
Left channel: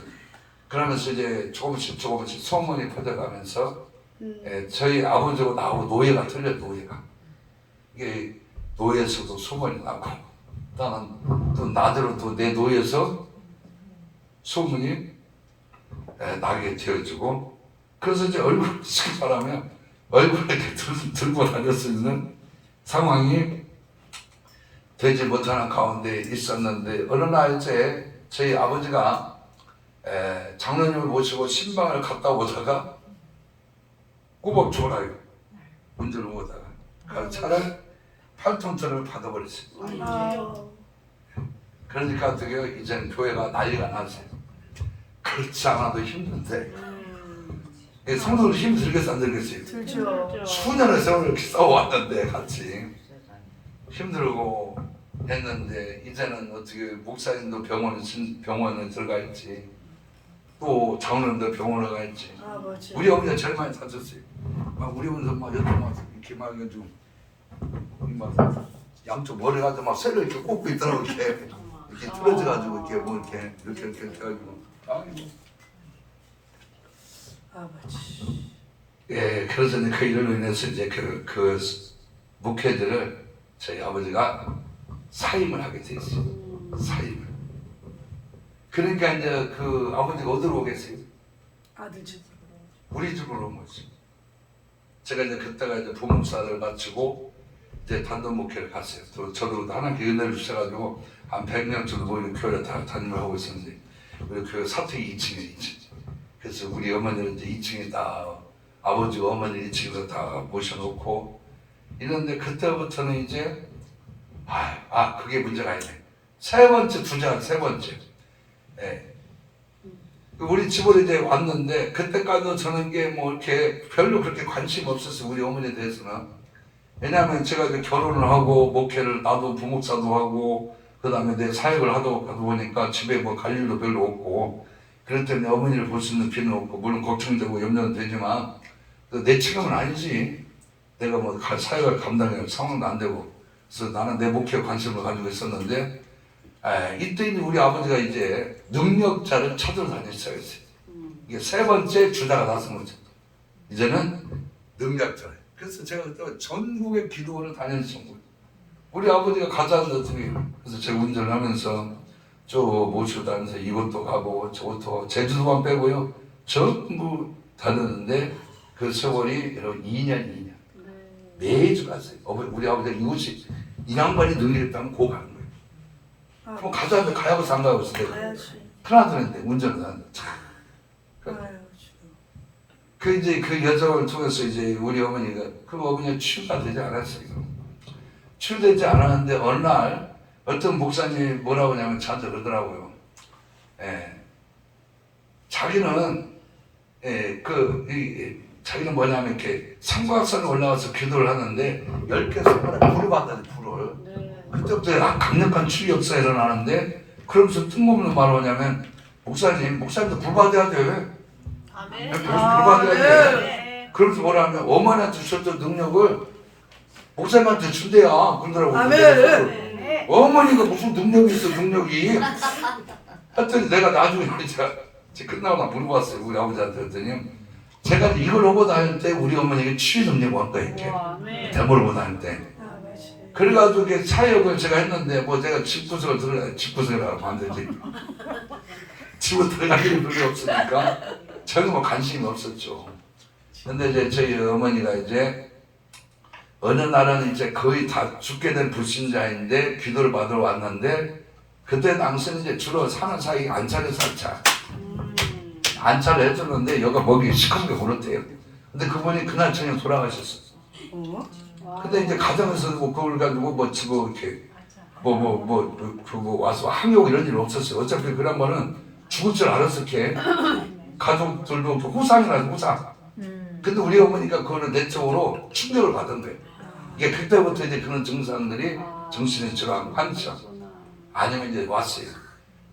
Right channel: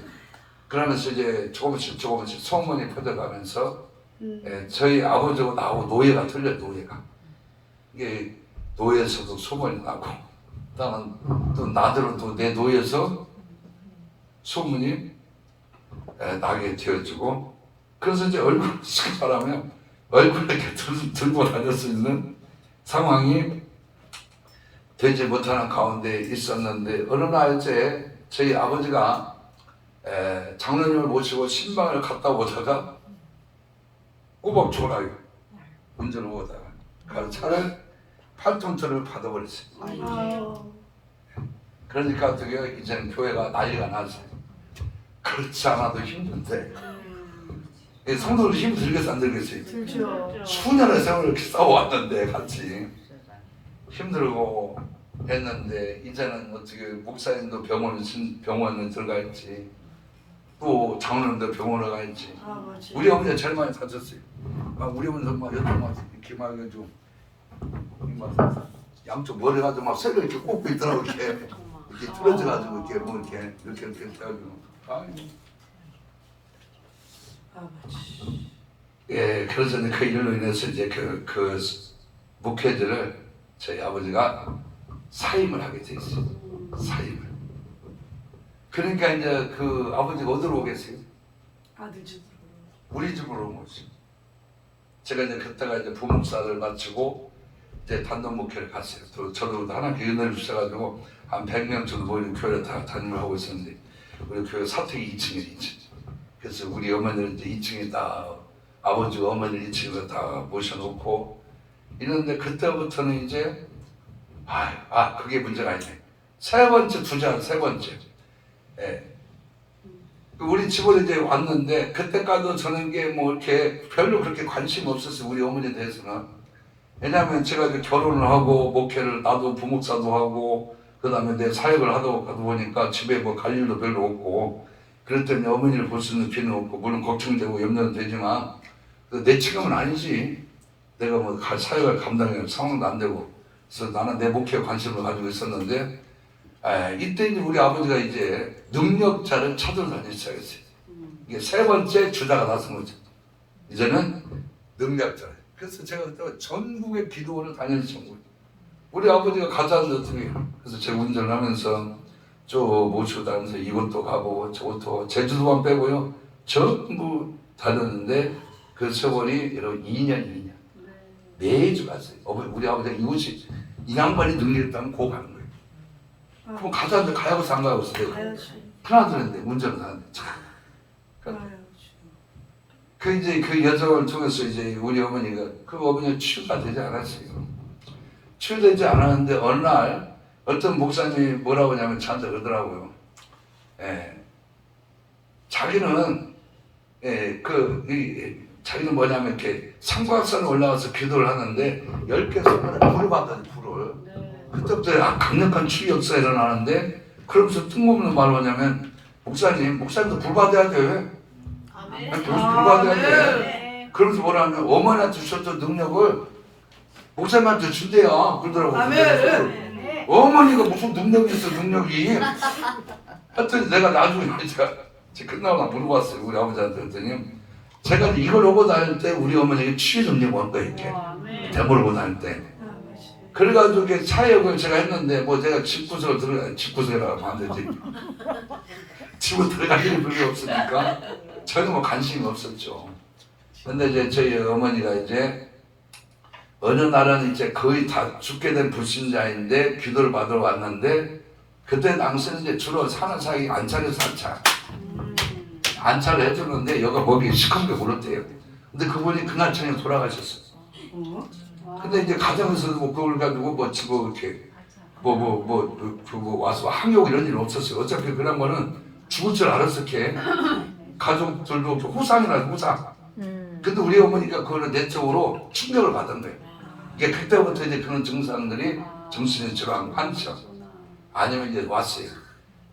그러면서 이제 조금씩 소문이 퍼져가면서 저희 아버지하고 나하고 노예가 틀려요. 노예가 이게 노예에서도 소문이 나고 또 나대로 또 내 노예에서 소문이 나게 되어지고 그래서 이제 얼굴을 쉽게 말하면 얼굴을 이렇게 들고 다닐 수 있는 상황이 되지 못하는 가운데 있었는데 어느 날 이제 저희 아버지가 장로님을 모시고 신방을 갔다 오다가 꼬박 졸아요. 운전을 오다가 그 차를 8톤짜리를 받아버렸어요. 그러니까 어떻게 이제 교회가 난리가 났어요. 그렇지 않아도 힘든데 성도를 힘들겠어 안 들겠어요? 수년의 세월을 이렇게 싸워왔는데 같이 힘들고 했는데 이제는 어떻게 목사님도 병원에 들어가 있지 또 장로님도 병원에 가 있지. 우리 어머니가 제일 많이 다쳤어요. 막 우리 어머니도 막 여태 막 이렇게 막 좀 막 양쪽 머리가 좀 막 쇠를 이렇게 꽂고 있더라고 이렇게 틀어져가지고 이렇게 뭐 이렇게 해가지고 아이고. 예, 그래서 이제 그 일로 인해서 이제 그 목회들을 저희 아버지가 사임을 하게 돼 있어요. 사임을. 그러니까 이제 그 아버지가 어디로 오겠어요? 아들 집으로. 우리 집으로 온 거죠. 제가 이제 그때가 이제 부목사를 마치고 이제 단독 목회를 갔어요. 또 저도 하나님께 은혜를 주셔가지고 한 100명 정도 모이는 교회를 다 담임을 하고 있었는데 우리 교회 사택이 2층에 있죠. 그래서 우리 어머니를 이제 2층에 다 아버지가 어머니 2층에서 다 모셔놓고 이런데 그때부터는 이제 그게 문제가 아니네. 세 번째 투자 세 번째. 예. 우리 집으로 이제 왔는데 그때까지도 저는 게 뭐 이렇게 별로 그렇게 관심 없었어요. 우리 어머니에 대해서는. 왜냐하면 제가 이제 결혼을 하고 목회를 나도 부목사도 하고 그 다음에 내 사역을 하다 보니까 집에 뭐 갈 일도 별로 없고 그럴 때문에 어머니를 볼 수 있는 기회는 없고 물론 걱정되고 염려는 되지만 내 책임은 아니지. 내가 뭐 사역을 감당할 상황도 안 되고 그래서 나는 내 목회에 관심을 가지고 있었는데 이때 이제 우리 아버지가 이제 능력자를 찾으러 다니기 시작했어요. 이게 세 번째 주자가 나선 거죠. 이제는 능력자. 그래서 제가 그때 전국의 기도원을 다녔어요. 우리 아버지가 가자는데 어떻게 그래서 제가 운전을 하면서 저 모시고 다니면서 이것도 가고 저것도 제주도만 빼고요 전부 다녔는데 그 세월이 여러분 2년 매주 갔어요. 우리 아버지가 이곳이 이 양반이 능력했다면 고 가는 거예요. 그럼 가자는데 가야고서 안 가고 있어요. 큰아들인데 운전을 하는데 그 이제 그 여정을 통해서 이제 우리 어머니가 그 어머니가 치유가 되지 않았어요. 치유되지 않았는데 어느 날 어떤 목사님이 뭐라고 하냐면 저한테 그러더라고요. 자기는 자기는 뭐냐면 이렇게 삼각산에 올라가서 기도를 하는데 10개 손가락에 불을 받더니 불을. 그때부터 강력한 충격사 일어나는데 그러면서 뜬금없는 말을 하냐면 목사님도 불 받아야 돼. 불 받아야 돼. 그러면서 뭐라면 어머니한테 주셨던 능력을 목사님한테 준대요. 그러더라고요. 어머니가 무슨 능력이 있어 능력이. 하여튼 내가 나중에 제가 끝나고 나 물어봤어요. 우리 아버지한테 그랬더니 제가 이걸 하고 다닐 때 우리 어머니가 치유 능력이 온 거예요. 이렇게 대보를 보고 다닐 때. 그래가지고 사역을 제가 했는데 뭐 제가 집구석이라고 하면 안 되지. 집을 들어갈 일이 별로 없으니까 저는 뭐 관심이 없었죠. 근데 이제 저희 어머니가 이제 어느 날은 이제 거의 다 죽게 된 불신자인데 기도를 받으러 왔는데 그때 당시에는 이제 주로 사는 사이 안찰에서 안찰을 해줬는데 여기가 목이 시커멓게 울었대요. 근데 그분이 그날 저녁에 돌아가셨어요. 근데 이제 가정에서 그걸 가지고 뭐 지고 이렇게 그거 와서 항의하고 이런 일 없었어요. 어차피 그런 거는 죽을 줄 알았을 게 가족들도 후상이라 후상. 근데 우리 어머니가 그거를 내적으로 충격을 받은 거예요. 그러니까 그때부터 이제 그런 증상들이 정신의 질환, 환청 아니면 이제 왔어요.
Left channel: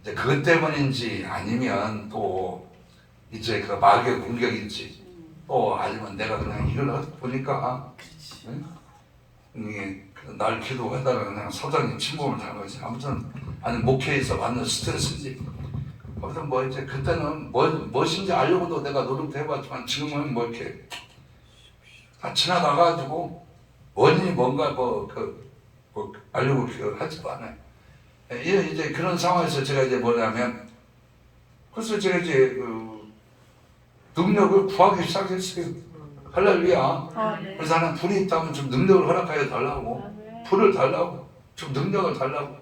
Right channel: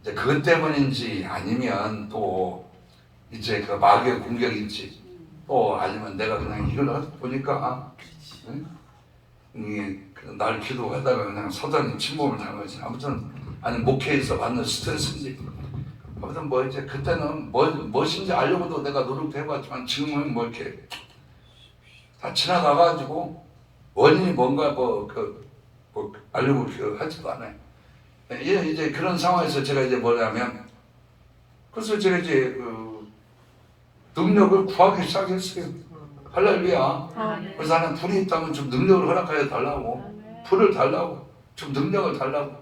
이제 그것 때문인지 아니면 또 이제 그 마귀의 공격인지 또 아니면 내가 그냥 이걸 보니까 날 기도하다가 그냥 사단이 침범을 당한 거지. 아무튼 아니 목회에서 받는 스트레스인지 아무튼 뭐 이제 그때는 무엇인지 알려고도 내가 노력도 해봤지만 지금은 뭐 이렇게 다 지나가가지고 원인이 뭔가 알려고 하지도 않아요. 이제 그런 상황에서 제가 이제 뭐냐면 그래서 제가 이제 능력을 구하기 시작했어요. 할렐루야. 그래서 나는 불이 있다면 좀 능력을 허락하여 달라고, 불을 달라고, 좀 능력을 달라고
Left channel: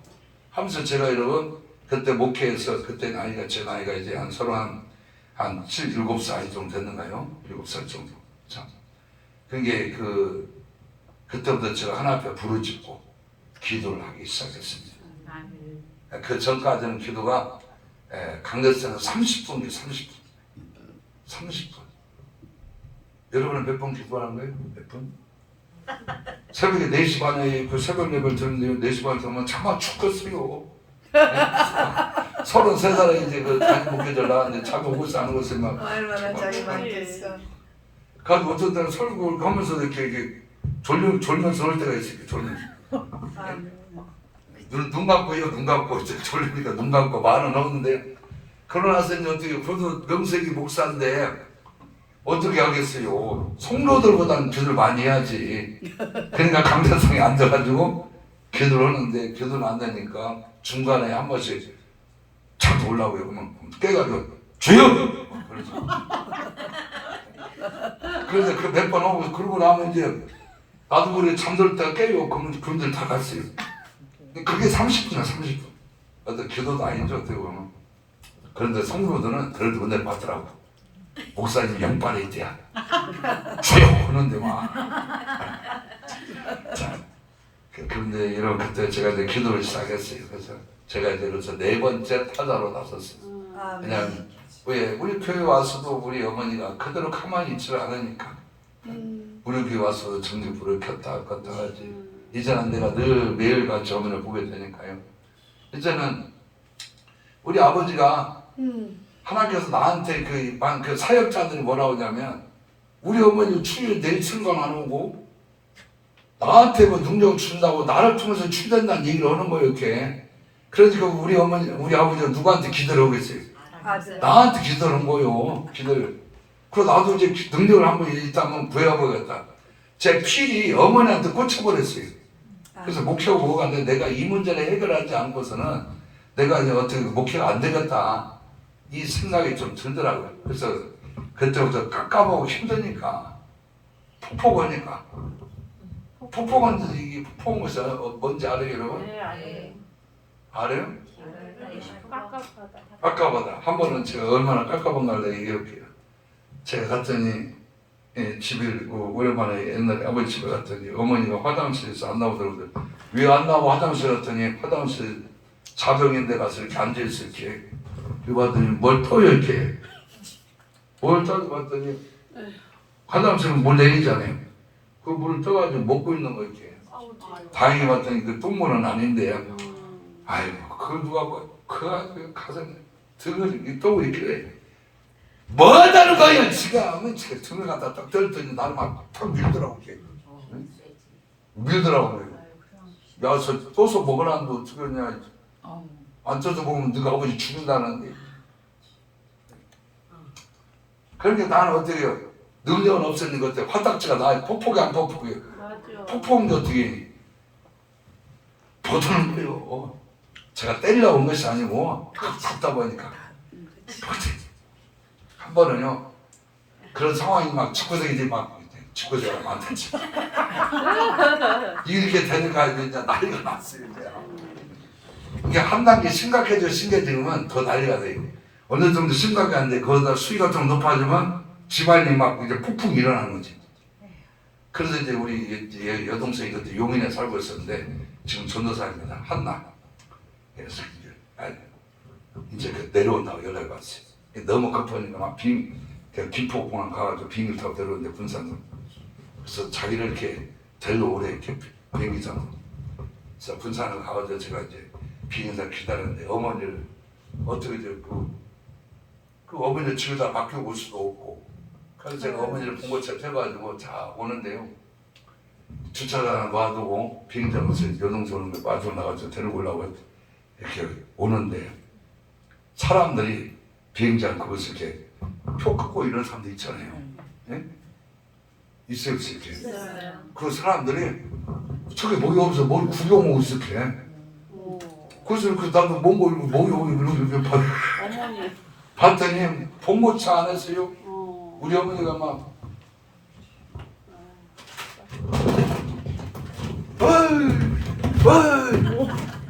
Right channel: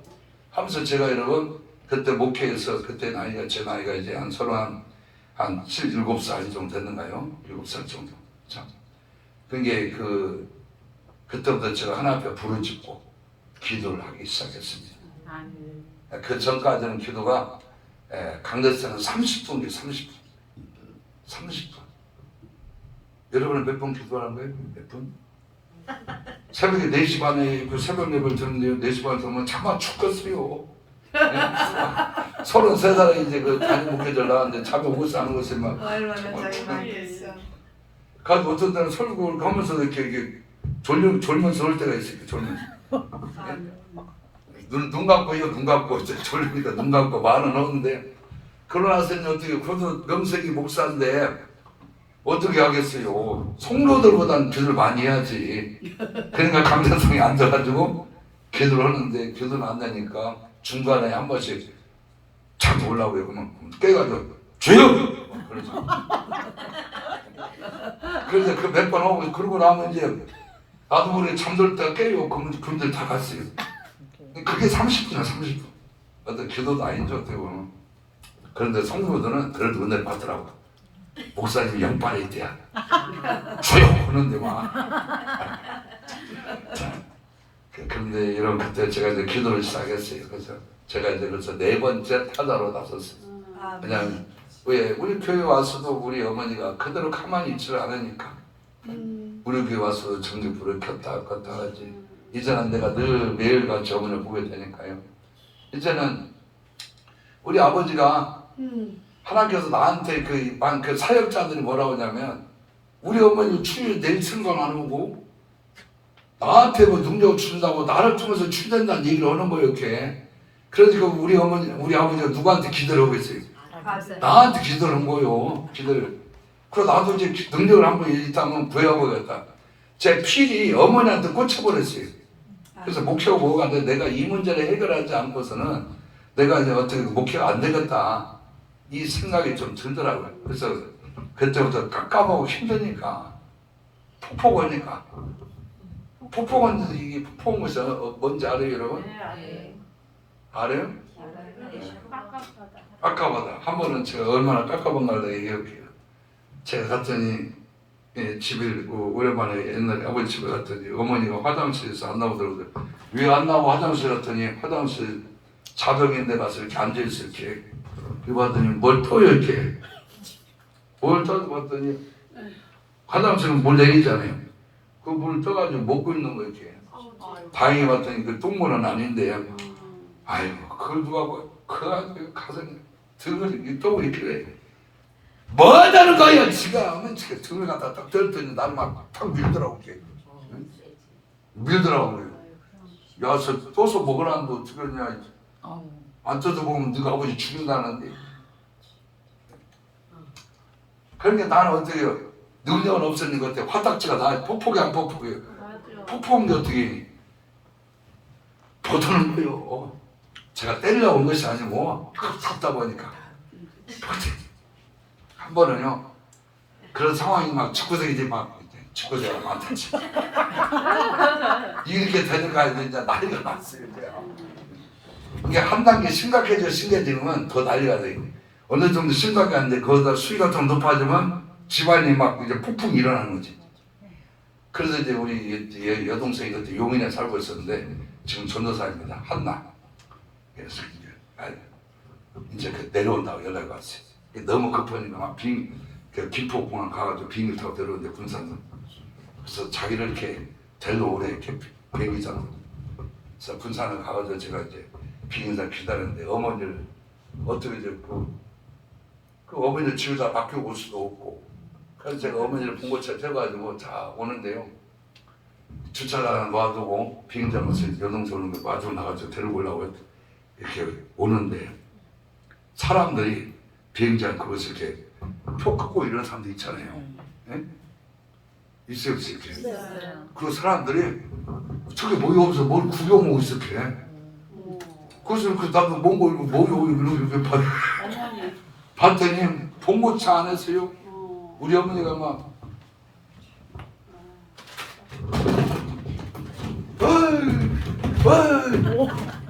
하면서 제가 여러분 그때 목회에서 그때 제 나이가 이제 한 7살 정도 됐는가요? 7살 정도. 자, 그게 그때부터 제가 하나 앞에 부르짖고 기도를 하기 시작했습니다. 그 전까지는 기도가 강대상은 30분. 여러분은 몇 번 기도하는 거예요? 몇 분? 새벽에 4시 반에 그 새벽 예배를 듣는데요. 4시 반에 들으면 차마 죽겠어요. 33살에 이제 그 담임 목회자를 나왔는데 잠이 오고 사는 것에 막 얼마나 자기 많겠어. 그래서 어떤 때는 설교를 하면서 이렇게 졸면서 올 때가 있어요. 졸면서. 눈 감고 눈 감고 이제 졸리니까 눈 감고 말은 하는데 그러고 나서 이제 어떻게 그래도 명색이 목사인데 어떻게 하겠어요. 성도들보다는 기도를 많이 해야지. 그러니까 강대상에 앉아가지고 기도를 하는데 기도를 안 되니까 중간에 한 번씩 자꾸 올라오고요. 그러면 깨가지고 주여! 그러죠. 그래서 그 몇 번 하고 그러고 나면 이제 나도 모르게 잠들 때가 깨요. 그러면 그분들 다 갔어요. 그게 30분이야 30분. 어떤 기도도 아니죠 어떻게 보면. 그런데 성도들은 그래도 은혜를 받더라고. 목사님 영빨이 있대야. 주여 하는데 막. 그런데 이런 그때 제가 이제 기도를 시작했어요. 그래서 제가 이제 그래서 4번째 타자로 나섰어요. 그냥 왜 우리 교회 와서도 우리 어머니가 그대로 가만히 있지를 않으니까 우리 교회 와서 전기불을 켰다 껐다 하지. 이제는 내가 늘 매일같이 어머니를 보게 되니까요. 이제는 우리 아버지가 하나님께서 나한테 그 사역자들이 뭐라고 하냐면 우리 어머니 추일 내일 생각 안 하고 나한테 뭐 능력을 준다고 나를 통해서 출된다는 얘기를 하는 거예요. 이렇게. 그래서 우리 어머니 우리 아버지가 누구한테 기도를 하고 있어요. 나한테 기도를 한 거예요. 기도를. 그래서 나도 이제 능력을 한번 있다면 부여해보겠다. 제 필이 어머니한테 꽂혀버렸어요. 그래서 목표가 뭐가 돼? 내가 이 문제를 해결하지 않고서는 내가 이제 어떻게 목표가 안 되겠다. 이 생각이 좀 들더라고요. 그래서 그때부터 깝깝하고 힘드니까 폭포거니까. 폭포건 이게 폭포건 것이 뭔지 알아요, 여러분? 네, 알아요. 알아요? 깝깝하다. 깝깝하다. 한 번은 제가 얼마나 깝깝한 날도 얘기할게요. 제가 갔더니 집에 오랜만에 옛날에 아버지 집에 갔더니 어머니가 화장실에서 안 나오더라고요. 왜 안 나오고 화장실 갔더니 화장실 자벽인데 가서 이렇게 앉아있어 이렇게. 그리고 봤더니 뭘 떠요 이렇게. 뭘 떠도 봤더니 화장실은 물 내리잖아요. 그 물을 떠가지고 먹고 있는 거 이렇게. 다행히 봤더니 그 똥물은 아닌데. 아이고 그걸 누가 그 가서 등을 또 이렇게 왜. 뭐 하자는 거야 지가. 지가 등을 갖다 딱 때렸더니 나를 막탁 밀더라고. 밀더라고. 야, 저 떠서 먹으라는데 어떻게 그러냐. 안 떠서 먹으면 네가 아버지 죽인다는데. 그러니까 나는 어떻게 해요. 능력은 없었는 것 같아. 화딱지가 나 폭폭이 안 폭폭이에요. 폭폭인데 어떻게 버티는 거예요. 제가 때리려고 온 것이 아니고 잡다 보니까 한 번은요 그런 상황이 막 축구생이들이 막 축구대가 많았지. 이렇게 되니까 이제 난리가 났어요. 이게 한 단계 심각해지면 더 난리가 돼요. 어느 정도 심각이 안 돼. 거기다 수위 같은 거 높아지면 집안이 막 이제 폭풍 일어나는 거지. 그래서 이제 우리 여동생이 그때 용인에 살고 있었는데 지금 전도사입니다. 한나. 그래서 이제 내려온다고 연락이 왔어요. 너무 급하니까 막 김포공항 가가지고 비행기 타고 내려오는데 군산으로. 그래서 자기를 이렇게 데리러 오래 이렇게 비행기 타고. 그래서 군산을 가가지고 제가 이제 비행기에서 기다렸는데 어머니를 어떻게 이제 그 어머니를 집에다 맡기고 올 수도 없고. 그래서 제가 어머니를 봉고차에 태워가지고 자 오는데요. 주차장에 놔두고 비행장 가서 여동생을 마중 나가서 데리고 오려고 이렇게 오는데 사람들이 비행장 그것을 이렇게 표 끄고 이런 사람들 있잖아요. 예? 있어요, 이렇게. 그 사람들이 저게 목이 없어 뭘 구경하고 있을게. 그래서 그 나도 뭔가 이렇게 봤더니 봉고차 안에서요. 우리 어머니가 막 어이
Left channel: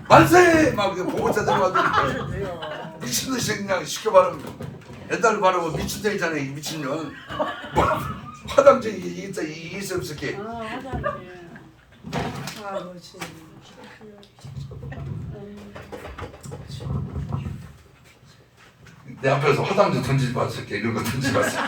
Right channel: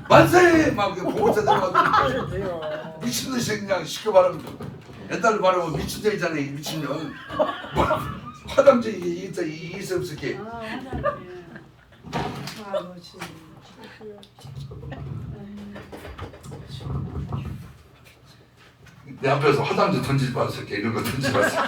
만세 막 봉고차 들어가지고 미친 듯이 그냥 시켜 바르면 옛날에 바르고 미친 듯이잖아요. 이 미친년 뭐 화장지 이 있을게. 내 앞에서 화장지 던지지 마실게. 이런 거 던지지 마실게.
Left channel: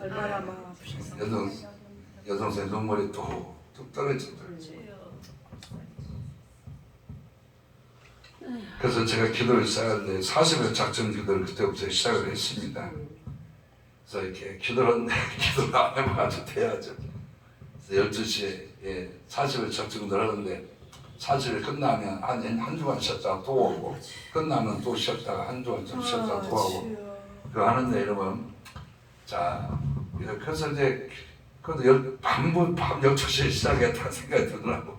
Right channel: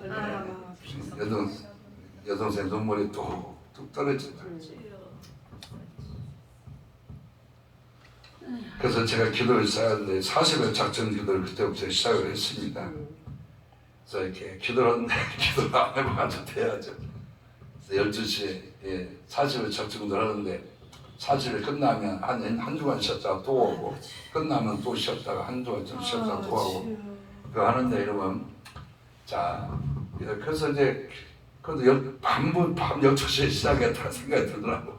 얼마나 마음 여동생 눈물이 뚝뚝 떨어지더라고요. 그래서 제가 기도를 시작했는데 40일 작전 기도를 그때부터 시작을 했습니다. 그래서 이렇게 기도를 하는데 기도를 안 하면 아주 돼야죠. 그래서 12시에 40일 작전 기도를 하는데 40일 끝나면 한 주간 쉬었다가 또 오고 끝나면 또 쉬었다가 한 주간 좀 쉬었다가 또 하고 그거 하는데 여러분 자 그래서 이제 그래도 밤 12시에 시작했다는 생각이 들더라고.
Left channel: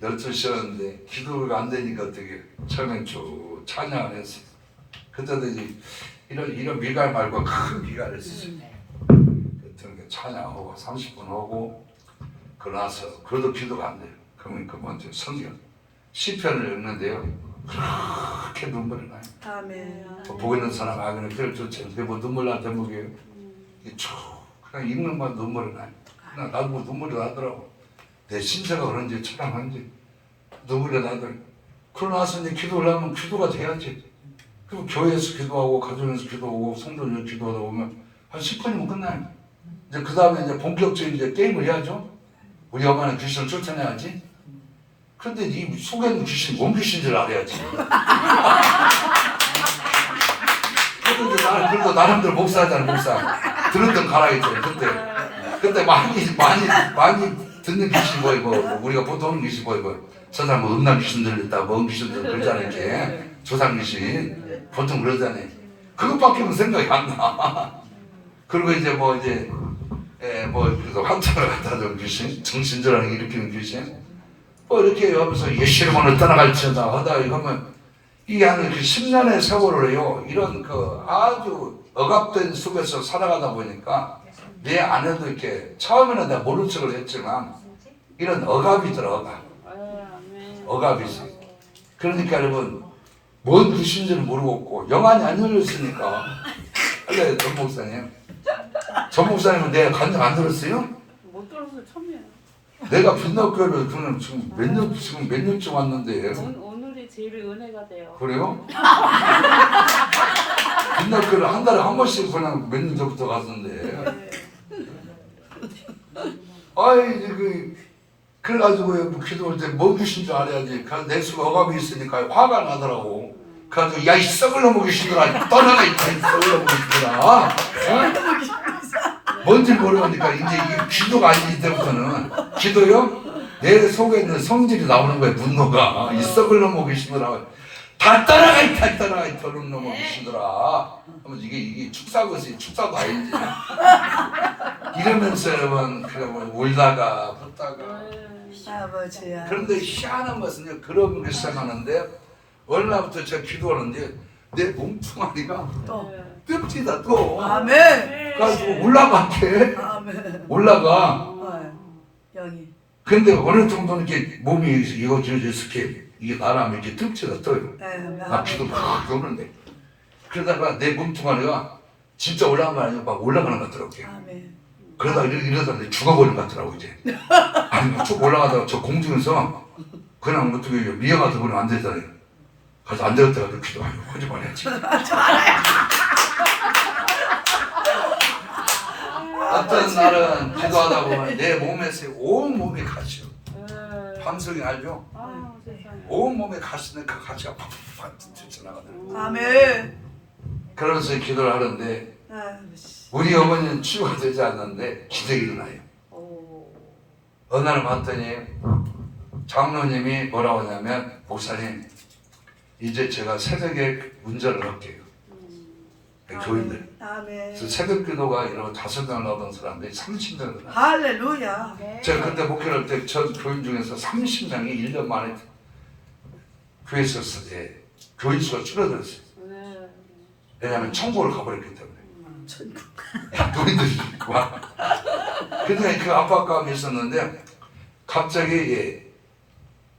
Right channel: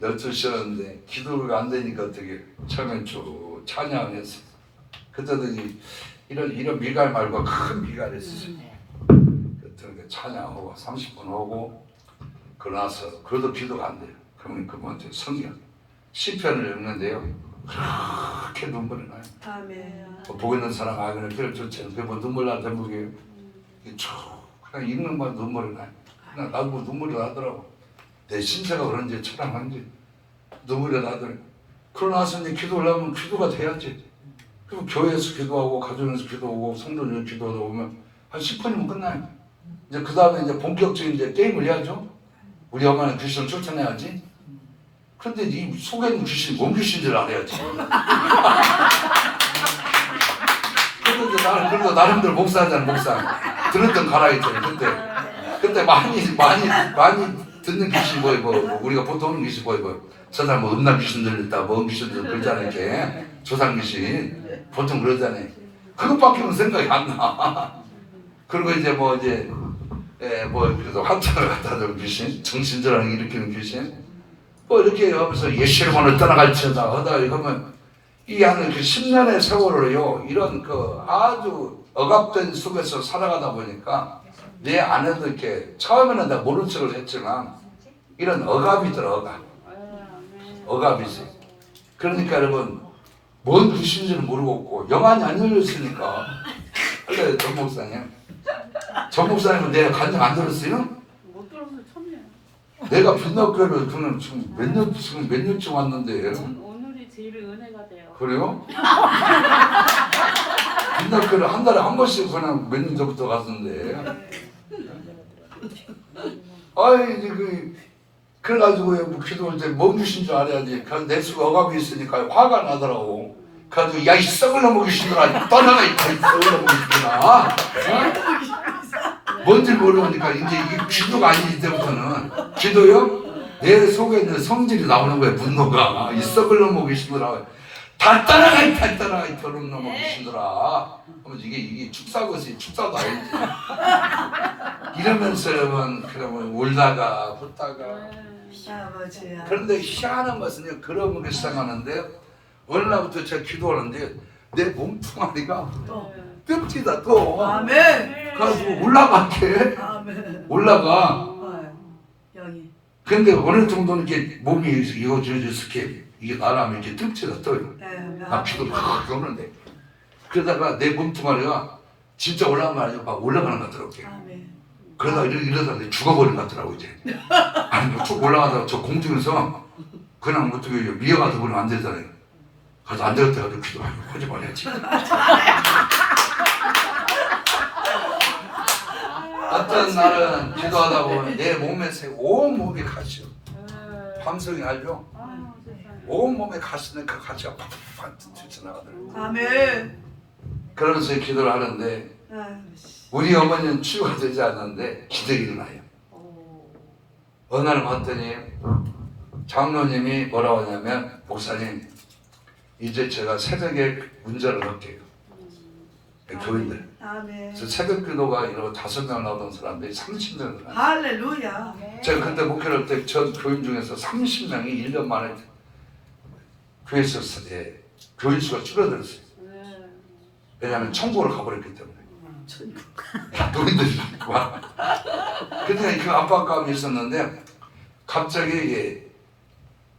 12시였는데 기도가 안 되니까 어떻게 처음엔 쭉 찬양을 했어요. 그때도 이런 미갈 말고 큰 미갈을 했어요. 그때 찬양하고 30분 하고 그러나서 그래도 기도가 안 돼요. 그러면 그분한테 성경 시편을 읽는데요. 그렇게 눈물이 나요. 아멘. 보고 있는 사람 아그는 별 좋지. 그게 뭐 눈물 날 대목이에요. 이게 쭉 그냥 읽는 건 눈물이 나요. 그냥 나도 뭐 눈물이 나더라고. 내 신체가 그런지 처량한지 눈물이 나더라고. 그러고 나서 이제 기도를 하면 기도가 돼야지. 그리고 교회에서 기도하고 가정에서 기도하고 성도들 기도하다 보면 한 10분이면 끝나요. 이제 그 다음에 이제 본격적인 이제 게임을 해야죠. 우리 엄마는 귀신을 쫓아내야지. 그런데 이 속에 있는 귀신이 뭔 귀신인 줄 알아야지. 그래도 나름대로 목사잖아, 목사. 들었던 가라 했잖아, 그때 많이 듣는 귀신이 뭐 우리가 보통 하는 귀신이 뭐 저 사람 뭐 음란 귀신 들렸다, 뭐 귀신 들렸다 그러잖아요, 이렇게. 조상 귀신. 보통 그러잖아요. 그것밖에는 생각이 안 나. 그리고 이제 그래서 환자를 갖다 준 귀신, 정신질환을 일으키는 귀신, 뭐 이렇게 하면서 예시로만을 따라갈지어다 하다 이거면 이 안에 그 10년의 세월을요, 이런 그 아주 억압된 속에서 살아가다 보니까 내 안에도 이렇게 처음에는 내가 모른 척을 했지만 이런 억압이 있더라, 억압이 있어. 그러니까 여러분 뭔 귀신인지는 모르겠고 영안이 안 열렸으니까. 근데 전 목사님, 전 목사님은 내가 간증 안 들었어요? 못 들어서 처음이에요. 내가 빛나교회를 그는 지금 몇 년쯤 왔는데. 오늘이 제일 은혜가 돼요. 그래요? 빛나교회를 한 달에 한 번씩 그냥 몇 년 전부터 갔었는데. 그래가지고 뭐 기도할 때 뭔 귀신 줄 알아야지. 그래서 내 수가 억압이 있으니까 화가 나더라고. 그래가지고 야 이 썩을 놈의 귀신들아 떠나가 있다 이 썩을 놈의 귀신들아. 뭔지 모르니까 이제 이 기도가 아니기 때부터는 기도요? 내 속에 있는 성질이 나오는 거예요. 분노가. 이 썩을 놈의 귀신들아 다 떠나가 있다 떠나가 있다 놈의 귀신들아. 하면 이게 축사도 아니지. 이러면서 여러분 그러면 울다가 붙다가. 아버지야. 그런데 희한한 것은요, 그런 게 시작하는데 어느 날부터 제가 기도하는데 내 몸뚱아리가 뜸치다 또. 아멘. 가지고 올라가게. 아멘. 올라가. 여기. 근데 어느 정도는 이렇게 몸이 이렇게 이게 나라면 이렇게 뜸치다 떠요. 나 기도 막 오는데 그러다가 내 몸뚱아리가 진짜 올라간 거 아니야? 막 올라가는 것 같더라고요. 아멘. 그러다가 이러다 죽어버린 것 같더라고 이제. 아니 쭉 올라가다가 저 공중에서 그냥 어떻게 미어가서 그냥 안 되잖아요. 그래서 안 되겠다 해서 기도 하지 말아야지. 어떤 날은 기도하다 보면 내 몸에서 온 몸이 가시오. 함성이 알죠? 온 몸에 가시는 그 가시가 팍팍 튀어나가더라고요. 아멘. 그러면서 기도를 하는데 우리 어머니는 치유가 되지 않는데 기적이 일어나요. 어느 날 봤더니 장로님이 뭐라고 하냐면 목사님 이제 제가 새벽에 문제를 넣을게요. 교인들. 아멘. 그래서 새벽 기도가 이러고 5명 나오던 사람들이 30명 나왔어요. 할렐루야. 제가 그때 목회를 할 때 전 교인 중에서 30명이 1년 만에 교회에서 교인 수가 줄어들었어요. 왜냐하면 천국을 가버렸기 때문에. 노인들이 와. 근데 그 압박감이 있었는데 갑자기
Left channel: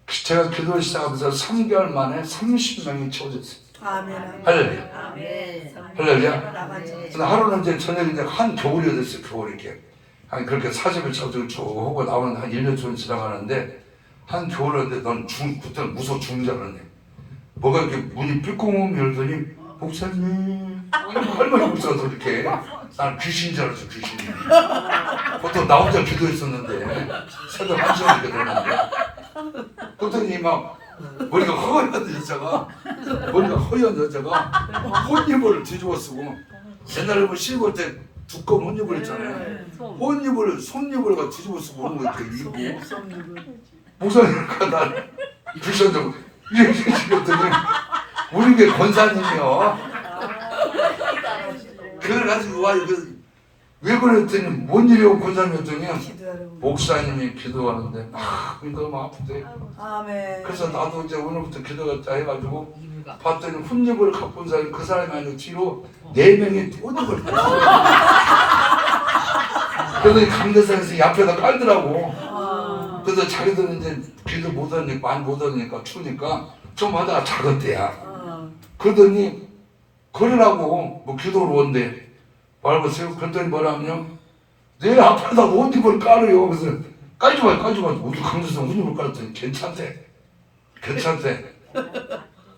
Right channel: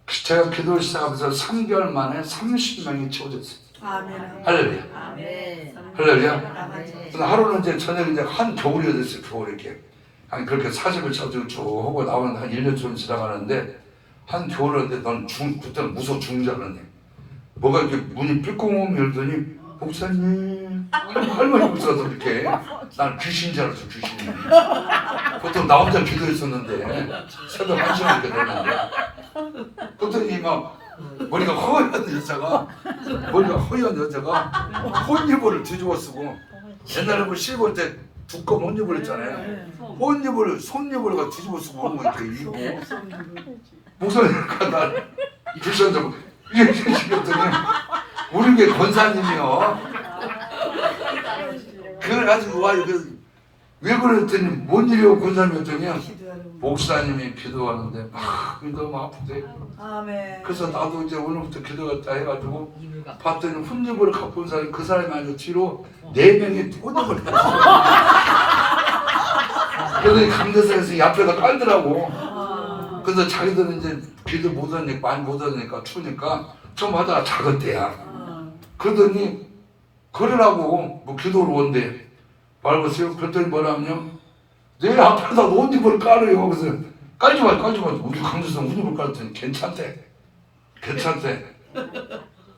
제가 기도를 시작하면서 3개월 만에 30명이 채워졌어요. 아멘. 할렐루야. 아멘. 할렐루야. 근데 하루는 이제 저녁에 이제 한 겨울이 됐어요. 겨울 이렇게 한 그렇게 40일 쳐주고 쭉 하고 나오는 한 1년 정도 지나가는데 한 겨울인데 넌 그때 무서워 죽는 줄 알았네. 뭐가 이렇게 문이 삐꽁 열더니 목사님 할머니 목사도 이렇게 난 귀신인 줄 알았어. 귀신이. 보통 나 혼자 기도했었는데 새벽 1시간 이렇게 들었는데 그랬더니 막 머리가 허연 여자가 혼이불을 뒤집어 쓰고 옛날에 뭐 실버 때 두꺼운 혼이불 있잖아요. 혼이불을 손이불을 가 뒤집어 쓰고 오는 거 이렇게 입고 목사님과 나 불쌍하고 이렇게 그랬더니 우리 게 권사님이요. 그래가지고 와 왜 그랬더니 뭔 일이고 권사님 했더니 목사님이 기도하는데 너무 아프대. 아멘. 그래서 나도 이제 오늘부터 기도했다 해가지고 봤더니 훈육을 갖고 온 사람이 그 사람이 아니고 뒤로 4명이 혼육을 갖고 그러더니 강대상에서 이 앞에다 깔더라고. 그래서 자기들은 이제 길도 못 하니까 많이 못 하니까 추우니까 좀 하다가 작았대야. 그러더니 그러라고 뭐 기도를 온대. 말고서요. 그랬더니 뭐라면요. 내 앞에다 옷 입을 깔아요. 그래서 깔지 마. 우리 강도성 옷 입을 깔았더니 괜찮대.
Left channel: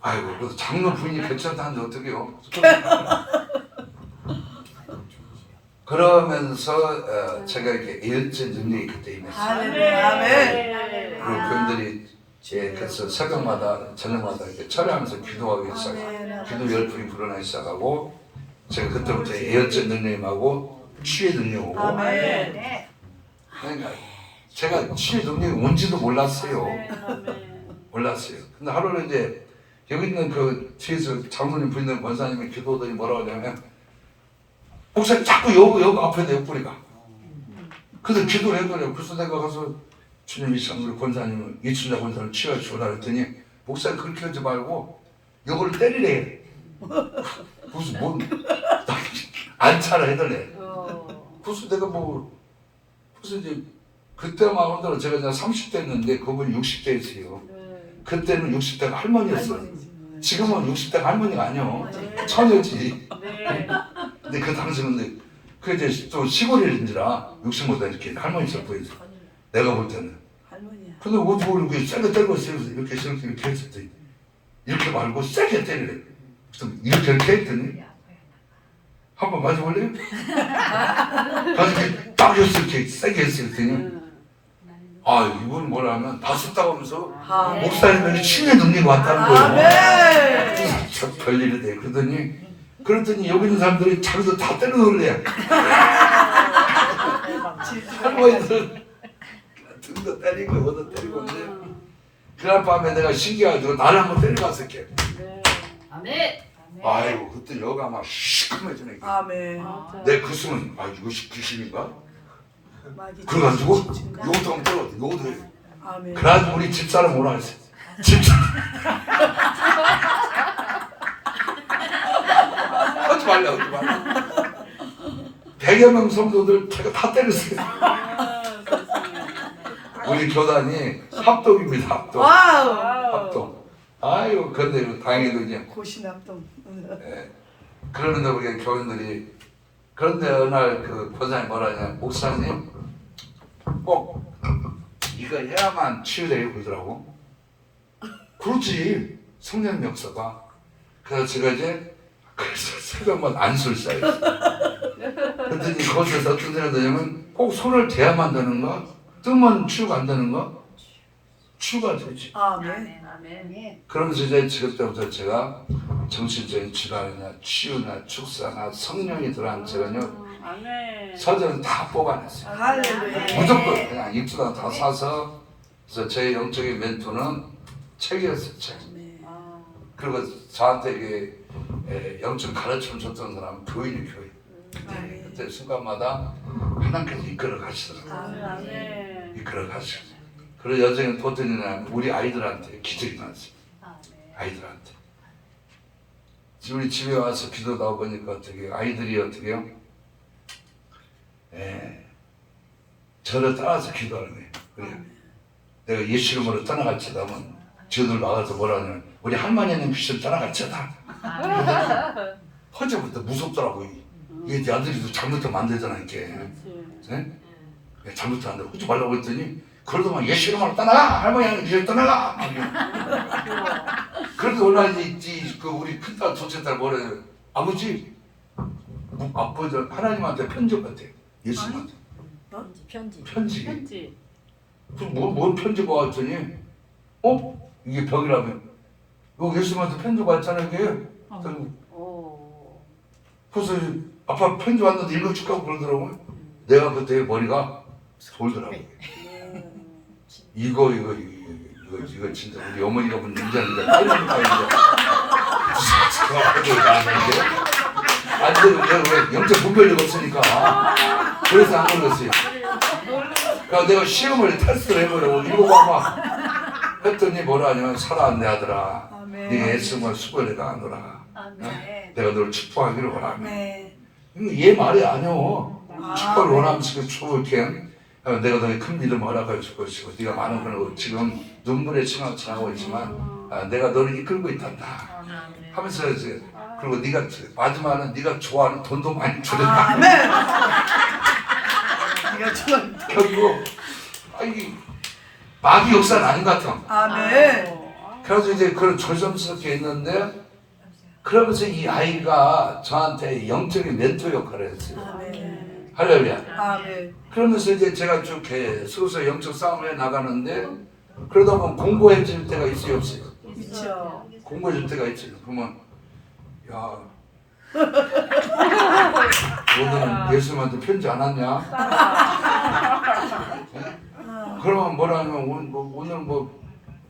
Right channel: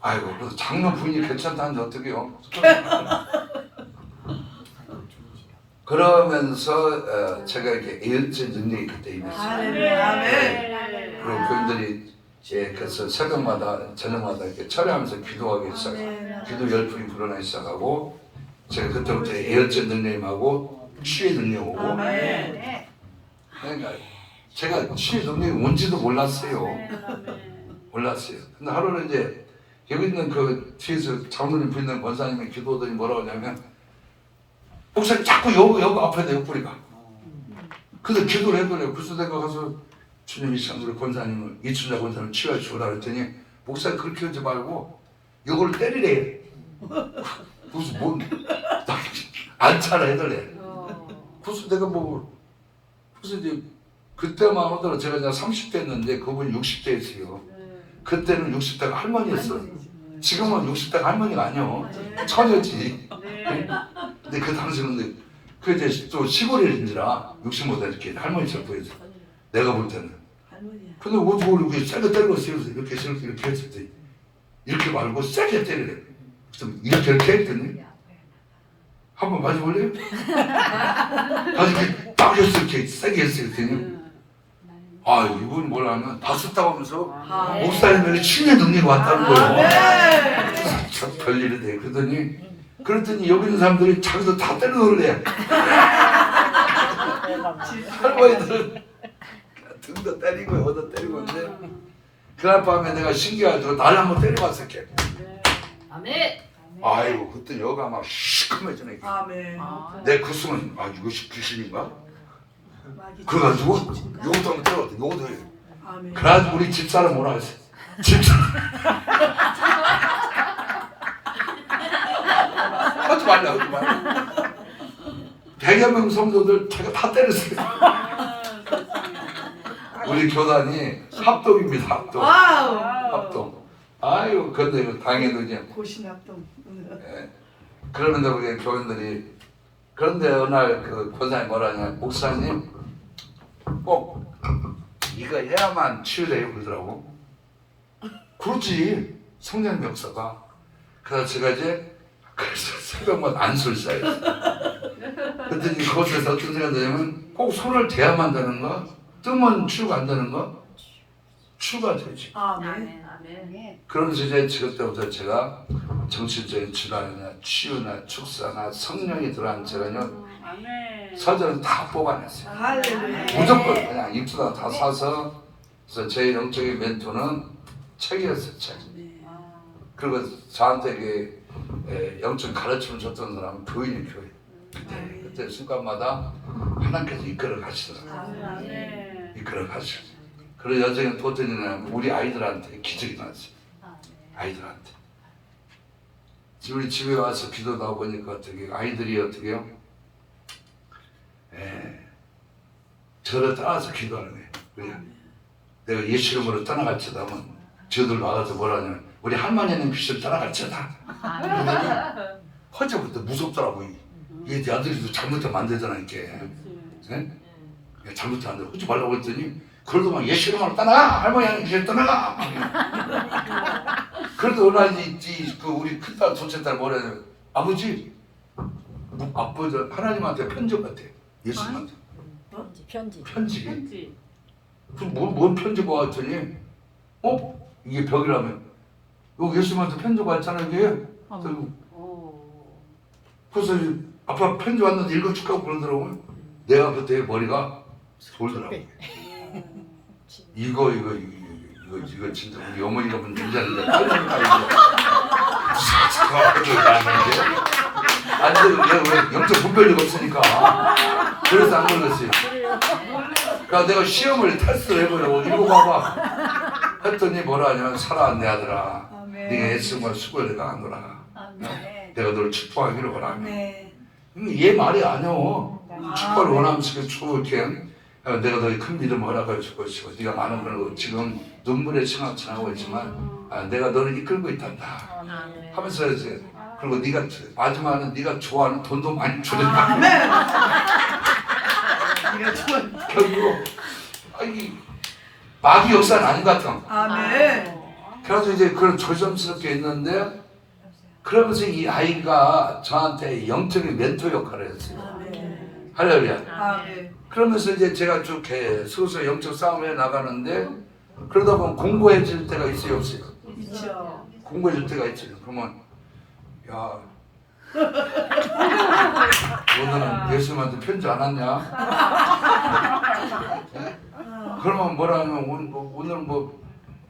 아이고 그래서 장로 부인이 괜찮다는데 어떡해요. 그러면서 제가 이렇게 예언자 능력이 그때 임했어요. 할렐루야. 아멘. 그리고 교인들이 그래서 새벽마다 저녁마다 이렇게 철회하면서 기도하기 시작하고 기도 열풍이 불어나기 시작하고 제가 그때부터 예언자 능력임하고 치유 능력 오고 아멘. 그러니까 제가 치유 능력이 뭔지도 몰랐어요. 몰랐어요. 근데 하루는 이제 여기 있는 그 뒤에서 장로님 부인는 권사님이 기도하더니 뭐라고 하냐면 목사님 자꾸 여기 앞에 내 뿌리가. 그래서 기도를 해더래요. 그래서 내가 가서 주님이 우리 권사님을 이춘자 권사님을 치유해 주라 했더니 목사님 그렇게 하지 말고 요거를 때리래. 무슨 뭔 안차를 해더래. 그래서 내가 뭐 그래서 이제 그때만 하더라도 제가 이제 30대였는데 그분이 60대였어요. 그때는 60대가 할머니였어. 지금은 60대가 할머니가 아니요. 처녀지. 근데 그 당시는 그 이제 또 시골인지라 60보다 이렇게 할머니처럼 보이죠. 내가 볼 때는. 할머니야. 근데 어떻게 이렇게 세게 때리고 있어요. 이렇게 했을 때 이렇게 말고 세게 때리래. 그래서 이렇게 했더니 한번 맞아볼래요? 가서 이렇게 딱 했어 이렇게 세게 했어요. 그랬더니 아 이분 뭐라 하면 봤었다고 하면서 목사님에게 치유의 능력이 왔다는 거예요. 아멘. 참 별일이 돼. 그랬더니 여기 있는 사람들이 자기도 다 때려 놀래. 할머니들은 등도 때리고 어도 때리고 있는데 그날 밤에 내가 신기해가지고 나를 한번 때려봤어. 아멘. 아이고 그때 여가 막 시커매지네. 아멘. 내 그 숨은 아 이것이 귀신인가? 마귀. 그래가지고 요것도 한번 때렸대. 요것도 해. 아멘. 그래가지고 우리 집사람 뭐라 했어. 집사람 하지 말라. 100여 명 성도들 제가 다 때렸어요. 우리 교단이 합동입니다. 합동. 와우. 합동. 아유 근데 당연히 그냥 고신합동. 예. 그러는데 우리 교인들이 그런데 어느 날 그 권사님 뭐라 하냐 목사님 꼭 이거 해야만 치유돼요 그러더라고. 그렇지 성령 역사가. 그래서 제가 이제 그래서 새벽만 안수를 쌓였어요. 그랬더니 그것에서 어떤 생각이 드냐면 꼭 손을 대야만 되는가? 뜨면 치유가 안 되는가? 치유가 되지. 아멘. 그러면서 이제 그때부터 제가 정신적인 질환이나 치유나 축사나 성령이 들어간 제가요 서전은 다 뽑아냈어요. 할렐루야. 무조건 그냥 입수다 다 사서 그래서 제 영적인 멘토는 책이었어요. 책. 그리고 저한테 이게 영적 가르침을 줬던 사람은 교인이 교인. 그때 순간마다 하나님께서 이끌어 가시더라고요. 이끌어 가시고. 그런 여정의 도전이나 우리 아이들한테 기적이 나왔어요. 아이들한테. 우리 집에 와서 기도도 하고 보니까 어떻게 아이들이 어떻게요? 저를 따라서 기도하는 거예요. 그냥 내가 예수 이름으로 떠나갈지다 하면 저들 나가서 뭐라 하냐면 우리 할머니는 귀신을 떠나갈지다. 허지부터 무섭더라고요. 이게 내 아들이 잘못하면 안 되잖아 이렇게. 네? 잘못하면 안 돼. 하지 말라고 했더니 그래도 막 예수 이름으로 떠나가! 할머니는 귀신을 떠나가! 그래도 어느 날 그 우리 큰딸 둘째 딸 뭐래 아버지 아버지 하나님한테 편지 같아요. 예수님한테 편지. 그래서 뭔 편지가 왔더니 이게 벽이라면 여기 예수님한테 편지가 왔잖아 이게. 그래서 아빠 편지 왔는데 읽어줄까 그러더라고요. 내가 그때 머리가 돌더라고요. 이거 진짜 우리 어머니가 본 얘기하는데 안 되는 게 영적 분별력 없으니까 그래서 안 그랬어요. 그러니까 내가 시험을 테스트를 해보려고 읽어봐봐 했더니 뭐라 하냐 살아안내 하더라. 네가 애쓰면 수고를 가하노라. 내가 너를 축복하기를 원하며. 얘 말이 아니오. 축복을 원하면서 이렇게 내가 더 큰 믿음 허락해 줄 것이고 네가 많은 걸 지금 눈물에 지나고 있지만 내가 너를 이끌고 있단다 하면서 이제 그리고 네가 마지막은 네가 좋아하는 돈도 많이 주겠다. 아멘. 네가 좋아. 결국 이 마귀 역사는 아닌 것 같아. 아멘. 그래서 이제 그런 조심스럽게 있는데 그러면서 이 아이가 저한테 영적인 멘토 역할을 했어요. 아멘. 할렐루야. 아멘. 그러면서 이제 제가 쭉 계속 영적 싸움을 해 나가는데 그러다 보면 공부해질 때가 있어요, 없어요? 있죠. 공부해질 때가 있죠. 그러면 야 너는 예수님한테 편지 안 왔냐? 네? 그러면 뭐라 하면 오늘 뭐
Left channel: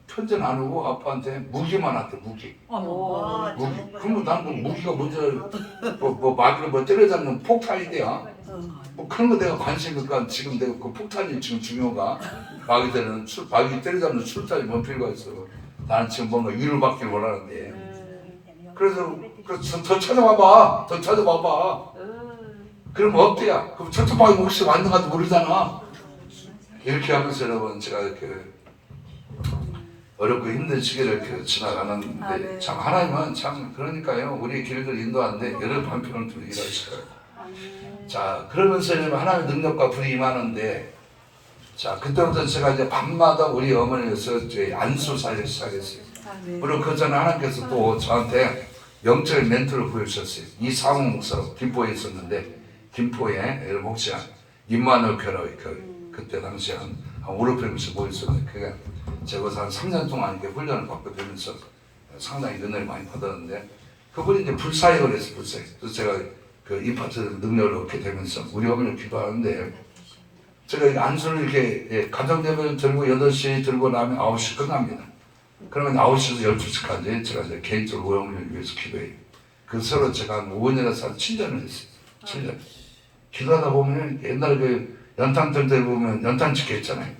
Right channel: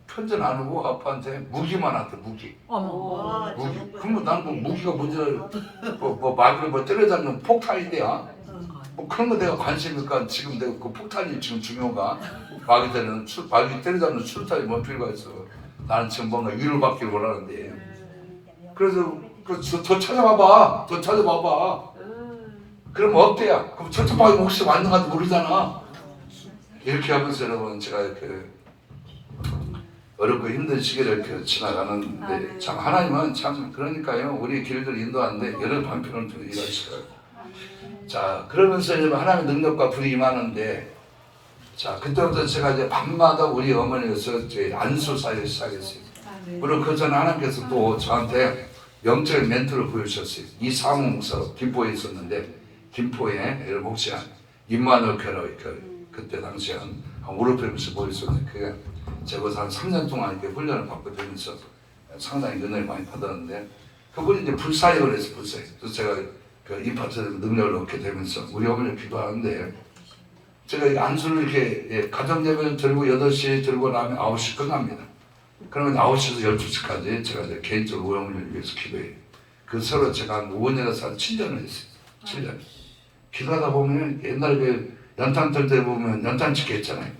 편지는 안 오고 아빠한테 무기만 왔대 무기. 무기. 그러면 난뭐 무기가 뭔지 뭐 마귀를 뭐 때려잡는 폭탄이 돼야. 뭐 그런 거 내가 관심이니까 지금 내가 그 폭탄이 지금 중요한가? 마귀 때려잡는 출탄이 뭔 필요가 있어? 나는 지금 뭔가 위를 받길 원하는데. 그래서 더 찾아봐봐. 더 찾아봐봐. 그럼 없대야. 그럼 저쪽방에 혹시 만든 것도 모르잖아. 이렇게 하면서 여러분 제가 어렵고 힘든 시기를 이렇게 지나가는데 참 하나님은 참 그러니까요. 우리 길들 인도하는데 여러 방편을 통해 일하시더라고요. 자 그러면서 이제 하나님의 능력과 불이 임하는데 자 그때부터 제가 이제 밤마다 우리 어머니에서 이제 안수사를 시작했어요. 그리고 그 전에 하나님께서 또 저한테 영적인 멘토를 보여주셨어요. 이상우 목사로 김포에 있었는데 김포에 여러분 혹시 임마누엘 교회 그때 당시에 한 5, 600명씩 모여 있었는데 그게 제가 거기서 한 3년 동안 이렇게 훈련을 받고 되면서 상당히 은혜를 많이 받았는데 그분이 이제 불사역을 했어요. 불사역. 그래서 제가 그 임파트 능력을 얻게 되면서 우리 어머니를 기도하는데 제가 이 안수를 이렇게 가정 예배를 들고 8시에 들고 나면 9시 끝납니다. 그러면 9시에서 12시까지 제가 이제 개인적으로 우리 어머니를 위해서 기도해요. 그 서로 제가 한 5년에서 한 7년을 했어요. 7년. 기도하다 보면 옛날 그 연탄절 때 보면 연탄집게 했잖아요.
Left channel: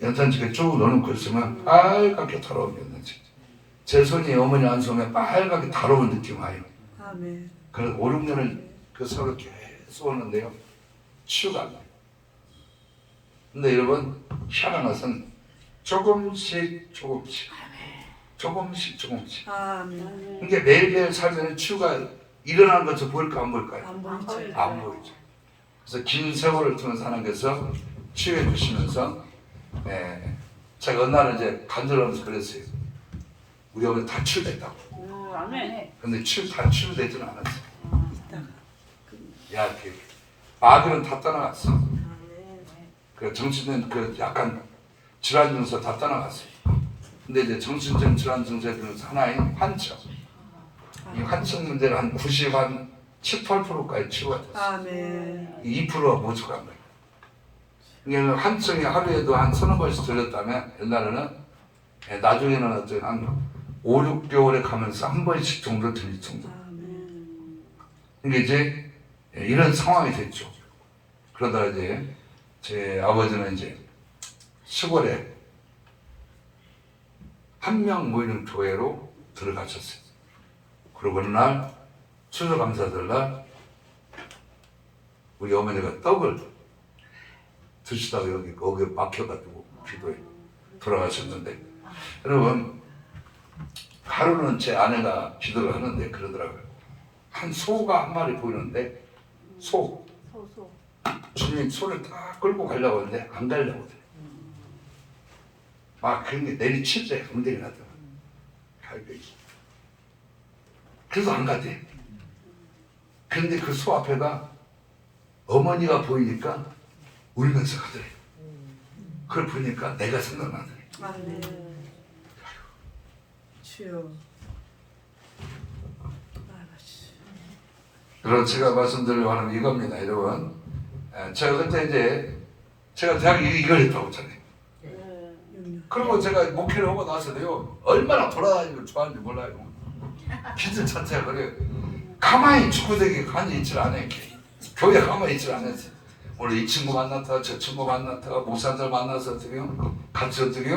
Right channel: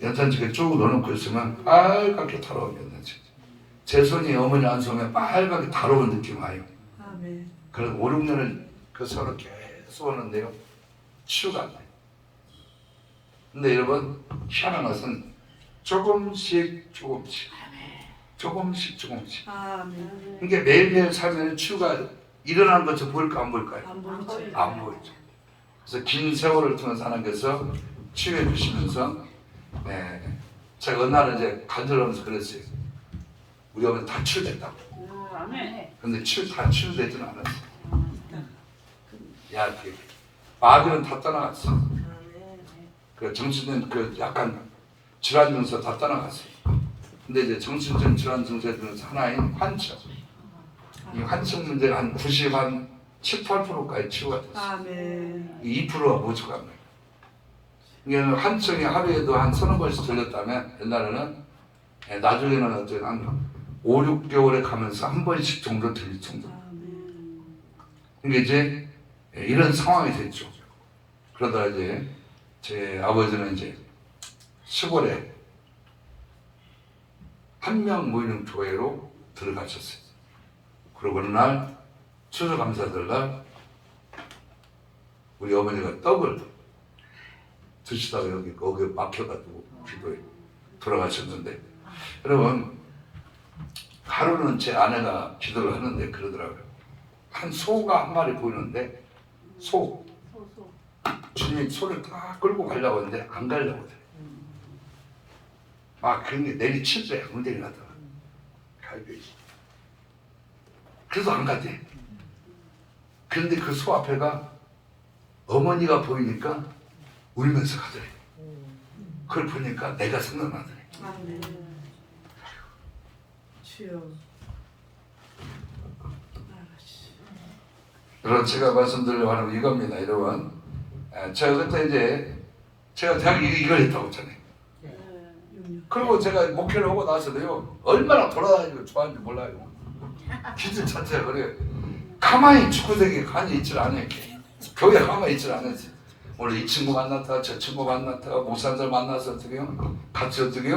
연탄집게 쭉 넣어놓고 있으면 빨갛게 달아오겠는지 제 손이 어머니 안수하면 빨갛게 달아온 느낌 와요. 아멘. 그래서 5, 6년을 그 서로 계속 하는데요. 치유가 안 돼요. 근데 여러분 희한한 것은 조금씩 아멘. 이게 매일매일 살면 치유가 일어나는 것처럼 보일까 안 보일까요? 안 보이죠. 안 보이죠. 그래서 긴 세월을 통해서 하나님께서 치유해 주시면서 제가 어느 날은 이제 간절하면서 그랬어요. 우리 어머니 다 치유됐다고. 아멘. 근데 다 치유되지는 않았어요. 야, 마귀는 다 떠나갔어. 그 정신은 그 약간 질환 증서 다 떠나갔어요. 근데 이제 정신적 질환 증서에 들어서 하나인 환청. 이 환청 문제를 한 90, 한 7, 8%까지 치유가 됐어요. 아멘. 2%가 부족한 거예요. 이게 환청이 하루에도 한 서너 번씩 들렸다면 옛날에는 나중에는 어떤 한 5, 6개월에 가면서 한 번씩 정도 들릴 정도. 이게 이제 이런 상황이 됐죠. 그러다 이제 제 아버지는 이제 시골에 한 명 모이는 교회로 들어가셨어요. 그리고 어느 날 추수감사절 날 우리 어머니가 떡을 드시다가 여기 막혀가지고 기도에 돌아가셨는데 여러분 하루는 제 아내가 기도를 하는데 그러더라고요. 한 소가 한 마리 보이는데 소 주님이 소를 딱 끌고 가려고 하는데 안 가려고 그래. 막 그런 게 내리치더래. 엉덩이 나다가 그래서 안 가대. 그런데 그 소 앞에가 어머니가 보이니까 울면서 가더래. 그걸 보니까 내가 생각나더래. 아멘. 주여. 여러분 제가 말씀드리려고 하는 이겁니다. 여러분 제가 그때 이제 제가 대학 이걸 했다고 했잖아요. 그리고 제가 목회를 하고 나서도요 얼마나 돌아다니고 좋아하는지 몰라요. 기도 자체가 그래요. 가만히 축구대기에 가만히 있질 않아요. 교회 가만히 있질 않았어요. 오늘 이 친구 만났다 저 친구 만났다 목사들 만나서 어떻게 같이 어떻게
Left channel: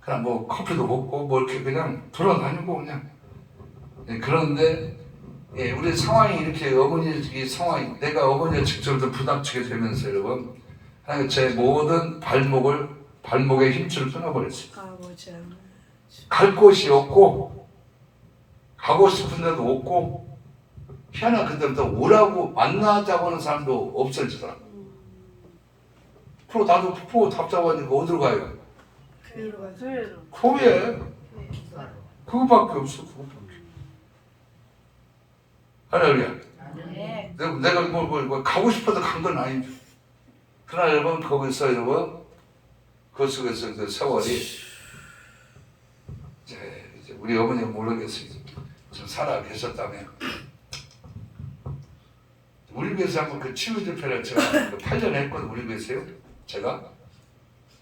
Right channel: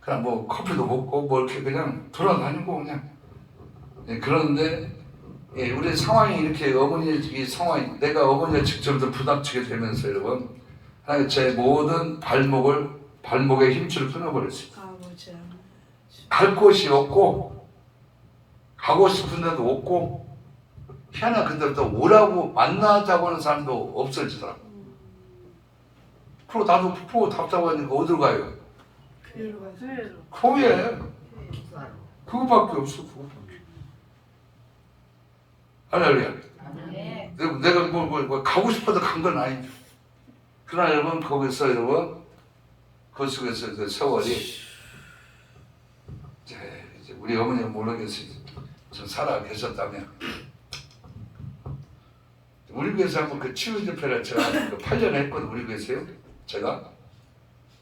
그냥 뭐 커피도 먹고 뭐 이렇게 그냥 돌아다니고 그냥 그런데 우리 상황이 이렇게 어머니 이 상황이 내가 어머니가 직접 부닥치게 되면서 여러분 하나님 제 모든 발목의 힘줄을 끊어버렸어요. 아버지. 갈 곳이 없고 가고 싶은 데도 없고 희한한 그때부터 오라고 만나자고 하는 사람도 없어지더라고. 그리고 나도 푹 답답하니까 어디로 가요? 교회로 가세요. 교회. 그거밖에 없어. 그거밖에. 할렐루야. 네. 내가 뭐 가고 싶어서 간 건 아닌데. 그러나 여러분 거기서 여러분 그 속에서 그 세월이 이제 우리 어머니가 모르겠어요. 좀 살아 계셨다면 우리 교회에서 한번 그 치유 집회를 제가 8년 했거든. 우리 교회에서요. 제가.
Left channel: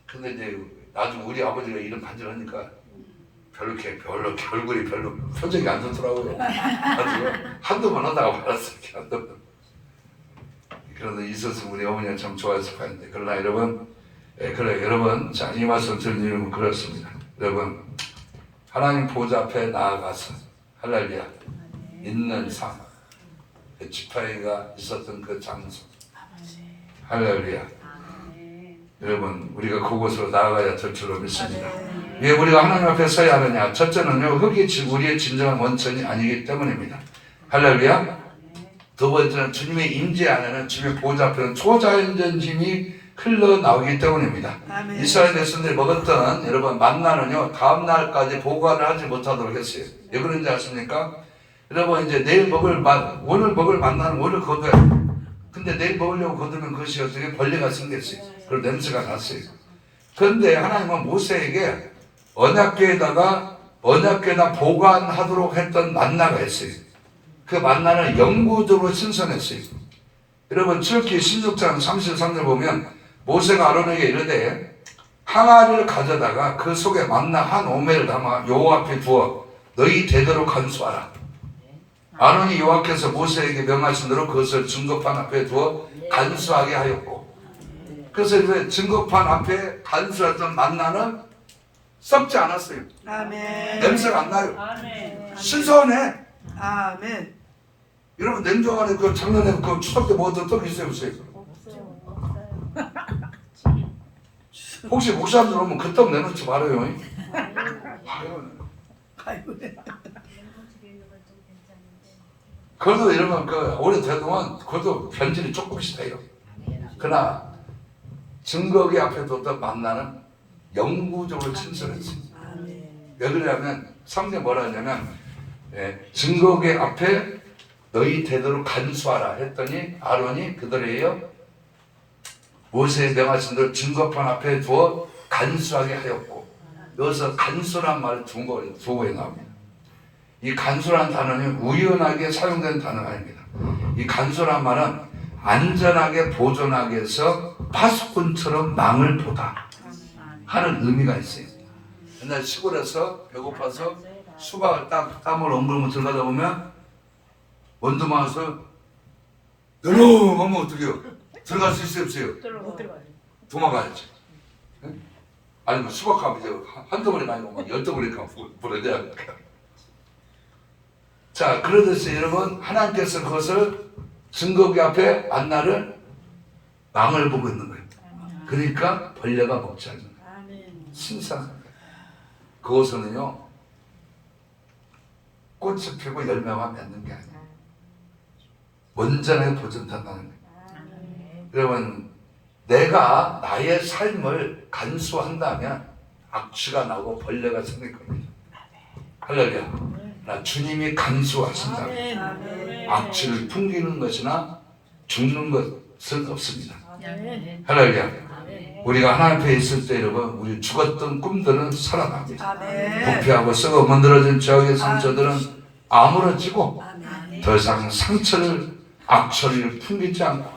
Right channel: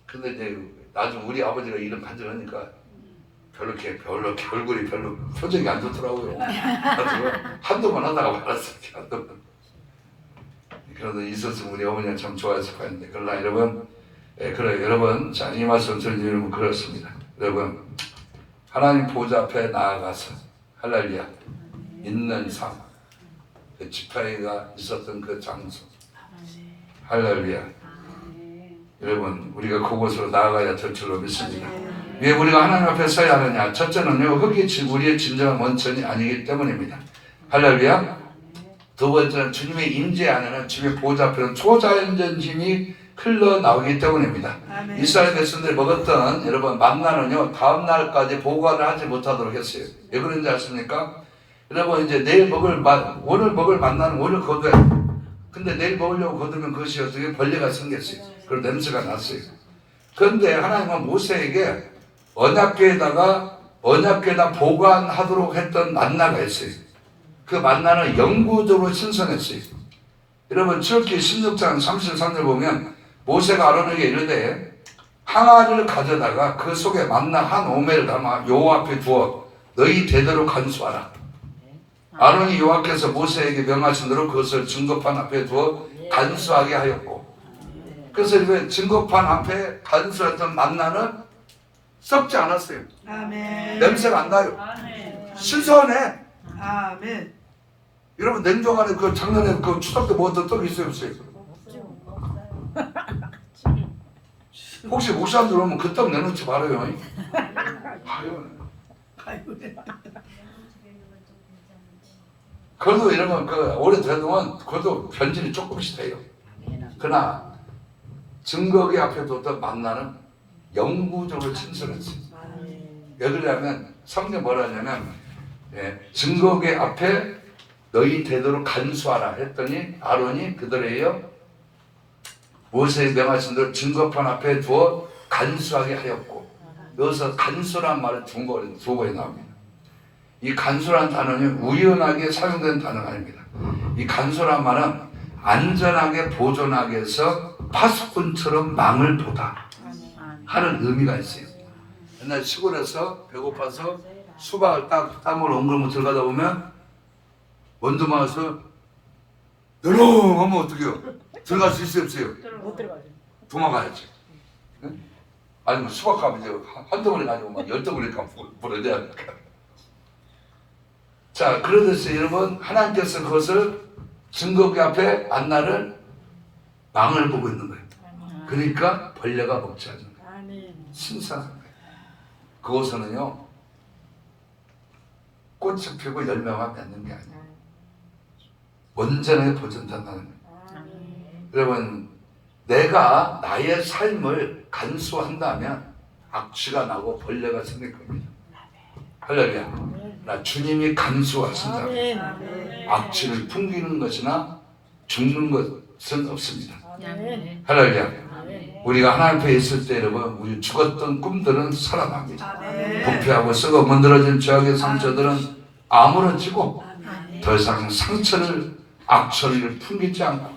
근데 이제 나중에 우리 아버지가 이름 간절하니까 별로 얼굴이 별로 표정이 안 좋더라고요. 한두 번 하다가 말았어요. 한두 번. 그래도 있었으면 우리 어머니가 참 좋아했을 거였는데 그러나 여러분 그래 여러분 자 이 말씀 드리는 이유는 그렇습니다. 여러분 하나님 보좌 앞에 나아가서 할렐루야 있는 삶 그 지파이가 있었던 그 장소 할렐루야 여러분 우리가 그곳으로 나아가야 될 줄로 믿습니다. 왜 우리가 하나님 앞에 서야 하느냐? 첫째는요 흙이 우리의 진정한 원천이 아니기 때문입니다. 할렐루야. 두 번째는 주님의 임재 안에는 주님의 보좌 앞에는 초자연적 힘이 흘러나오기 때문입니다. 아멘. 이스라엘 백성들이 먹었던 여러분 만나는요 다음 날까지 보관을 하지 못하도록 했어요. 왜 그런지 아십니까? 여러분 이제 오늘 먹을 만나는 오늘 거둬야 근데 내일 먹으려고 거두면 그것이 어떻게 벌레가 생겼어요. 그리고 냄새가 났어요. 그런데 하나님은 모세에게 언약궤에다 보관하도록 했던 만나가 있어요. 그 만나는 영구적으로 신선했어요. 여러분 출애굽기 16장 33절 보면 모세가 아론에게 이르되 항아리를 가져다가 그 속에 만나 한 오멜을 담아 여호와 앞에 두어 너희 대대로 간수하라. 아론이 여호와께서 모세에게 명하신 대로 그것을 증거판 앞에 두어 간수하게 하였고 그래서 이제 증거판 앞에 간수했던 만나는 썩지 않았어요. 아멘. 냄새가 안 나요. 아멘. 신선해. 아멘. 여러분 냉장 안에 그 작년에 그 추석 때 먹었던 떡 있어요 없어요? 혹시 목사님들 오면 그 떡 내놓지 말아요. 아유. 그래도 여러분 그 오래되면 그래도 변질이 조금씩 돼요. 그러나 증거기 앞에 뒀던 만나는 영구적으로 친선했어요. 왜 그러냐면 성경 뭐라 하냐면 증거기 앞에 너희 대대로 간수하라 했더니 아론이 그들에요 모세의 명하신 대로 증거판 앞에 두어 간수하게 하였고 여기서 간수란 말은 두 번에 나옵니다. 이 간수란 단어는 우연하게 사용된 단어가 아닙니다. 이 간수란 말은 안전하게 보존하기 위해서 파수꾼처럼 망을 보다 하는 의미가 있어요. 옛날 시골에서 배고파서 수박을 땀을 엉금을 들어가다 보면 원두막에서 내려 하면 어떡해요? 들어갈 수 있어요 없어요? 못 들어가요. 도망가야죠. 응? 아니면 수박 가면 이제 한 덩어리 가지고 막 10덩어리 가면 보내야 하니까. 자 그러듯이 여러분 하나님께서 그것을 증거기 앞에 만나를 망을 보고 있는 거예요. 그러니까 벌레가 먹지 않는 거예요. 아멘. 신선한 거예요. 그것은요 꽃이 피고 열매만 맺는 게 아니에요. 온전하게 보존된다는 거예요. 여러분 내가 나의 삶을 간수한다면 악취가 나고 벌레가 생길 겁니다. 할렐루야. 나 주님이 간수하신다면 아멘. 악취를 풍기는 것이나 죽는 것은 없습니다. 아멘. 할렐루야. 우리가 하나님 앞에 있을 때 여러분 우리 죽었던 꿈들은 살아납니다. 아멘. 부패하고 썩어 문드러진 죄악의 상처들은 아물어지고 아멘. 더 이상 상처를 악취를 풍기지 않고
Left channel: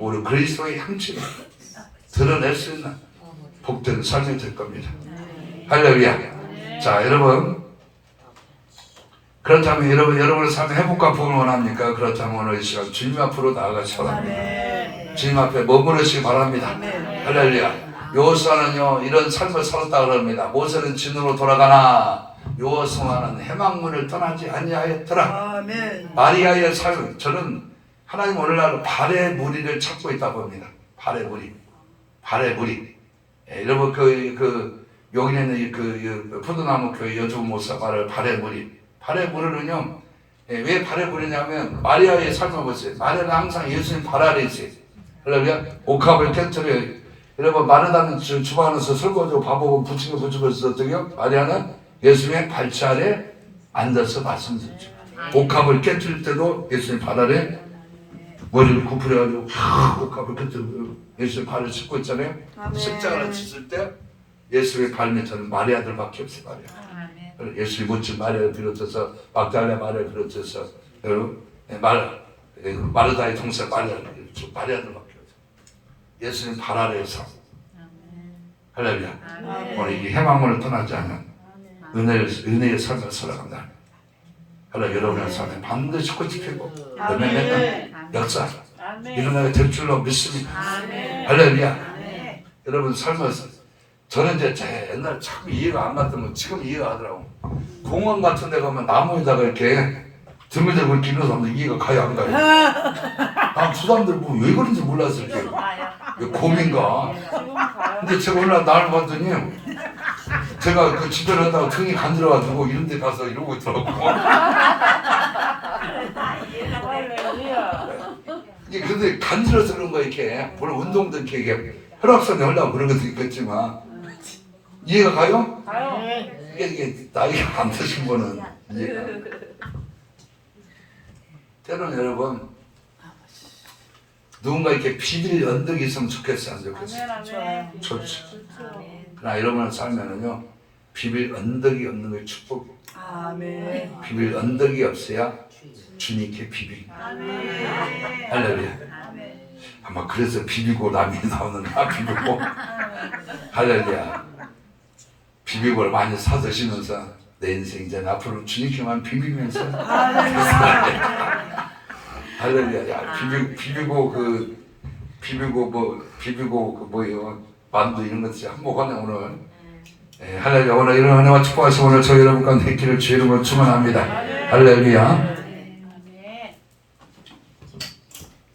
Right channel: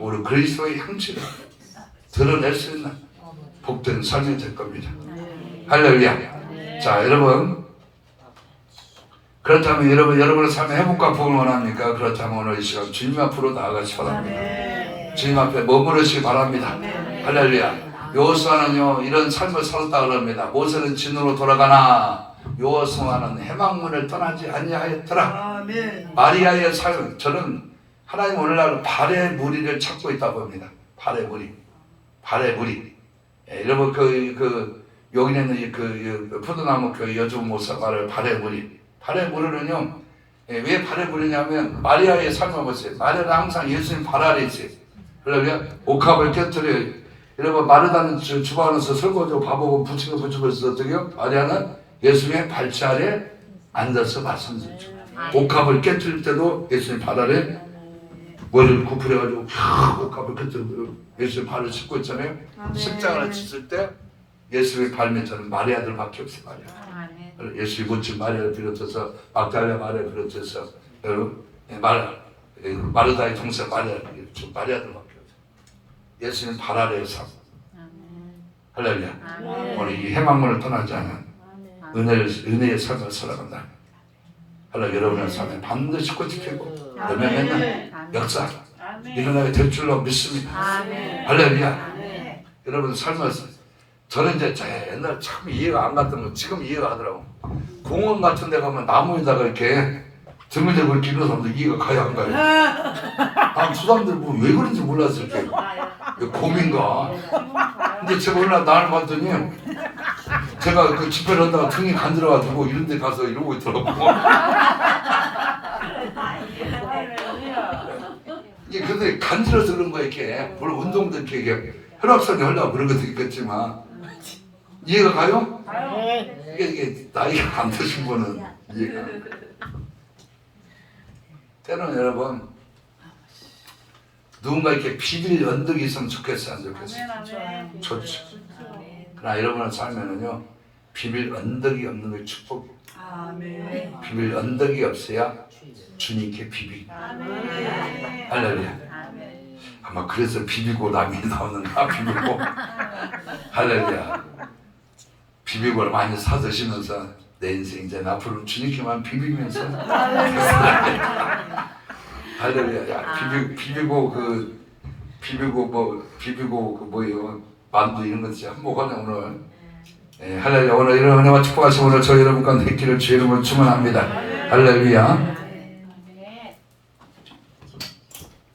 우리 그리스도의 향취를 드러낼 수 있는 복된 삶이 될 겁니다. 할렐루야. 자 여러분 그렇다면 여러분의 삶의 회복과 복을 원합니까? 그렇다면 오늘 이 시간 주님 앞으로 나아가시기 바랍니다. 주님 앞에 머무르시기 바랍니다. 할렐루야. 여호수아는요 이런 삶을 살았다 그럽니다. 모세는 진으로 돌아가나 여호수아는 해망문을 떠나지 아니하였더라. 아멘. 마리아의 삶 저는 하나님 오늘날 발의 무리를 찾고 있다 봅니다. 발의 무리. 발에 물이. 여러분 그 여기 있는 그 포도나무 교회 여주부 목사 말을 발에 물이. 발에 물으면요. 왜 발에 물이냐면 마리아의 삶을 보세요. 마리아는 항상 예수님 발 아래 있어요. 그러면 옥합을 깨뜨려. 여러분 마르다는 주방 안에서 설거지하고 밥하고 부치고 있어 어떻게요? 마리아는 예수님의 발치 아래 앉아서 말씀 듣죠. 옥합을 깨뜨릴 때도 예수님 발 아래 머리를 구부려가지고 옥합을 깨뜨리고 예수님 발을 짚고 있잖아요. 십자가를 쳤을 때 예수의 발밑에는 마리아들밖에 없어요. 마리아. 예수의 모친 마리아를 비롯해서 막달라 마리아를 비롯해서 마르다의 동생 마리아들밖에 없어요. 예수님 발 아래에서 할렐루야. 오늘 이 해망문을 떠나지 않은 은혜의 삶을 살아간다. 할렐루야. 여러분의 삶에 반드시 꽃이 피고 열매 맺는 역사 일어나게 될 줄로 믿습니다. 할렐루야. 여러분 삶에서 저는 이제 옛날에 참 이해가 안 갔던 건 지금 이해가 가더라고. 공원 같은 데 가면 나무에다가 이렇게 등을 대고 이렇게 이런 사람들 이해가 가요 안 가요? 저 사람들 뭐 왜 그런지 몰랐어요. 이렇게 곰인가. 근데 제가 올라 나를 봤더니 제가 그 집회를 한다고 등이 간지러가지고 이런 데 가서 이러고 있더라고. 이게 근데 간지러서 그런 거 이렇게 물론 운동도 이렇게 혈압선이 하려고 그런 것도 있겠지만 이해가 가요? 이게 나이가 안 드신 분은 이해가. 때로는 여러분 누군가 이렇게 비빌 언덕이 있으면 좋겠어요, 안 좋겠어요? 좋죠. 그러나 여러분의 삶에는요 비빌 언덕이 없는 게 축복이에요. 아멘. 비빌 언덕이 없어야 주님께 비비고. 할렐루야. 아마 그래서 비비고 남이 나오는가 비비고. 할렐루야. 비비고를 많이 사 드시면서 내 인생 이제 앞으로 주님께만 비비면서. 할렐루야. 비비고 뭐예요? 만두 이런 거 진짜 한몫하네 오늘. 할렐루야. 오늘 이런 은혜와 축복하시고 오늘 저희 여러분 가운데 있기를 주의 이름으로 축원합니다. 할렐루야.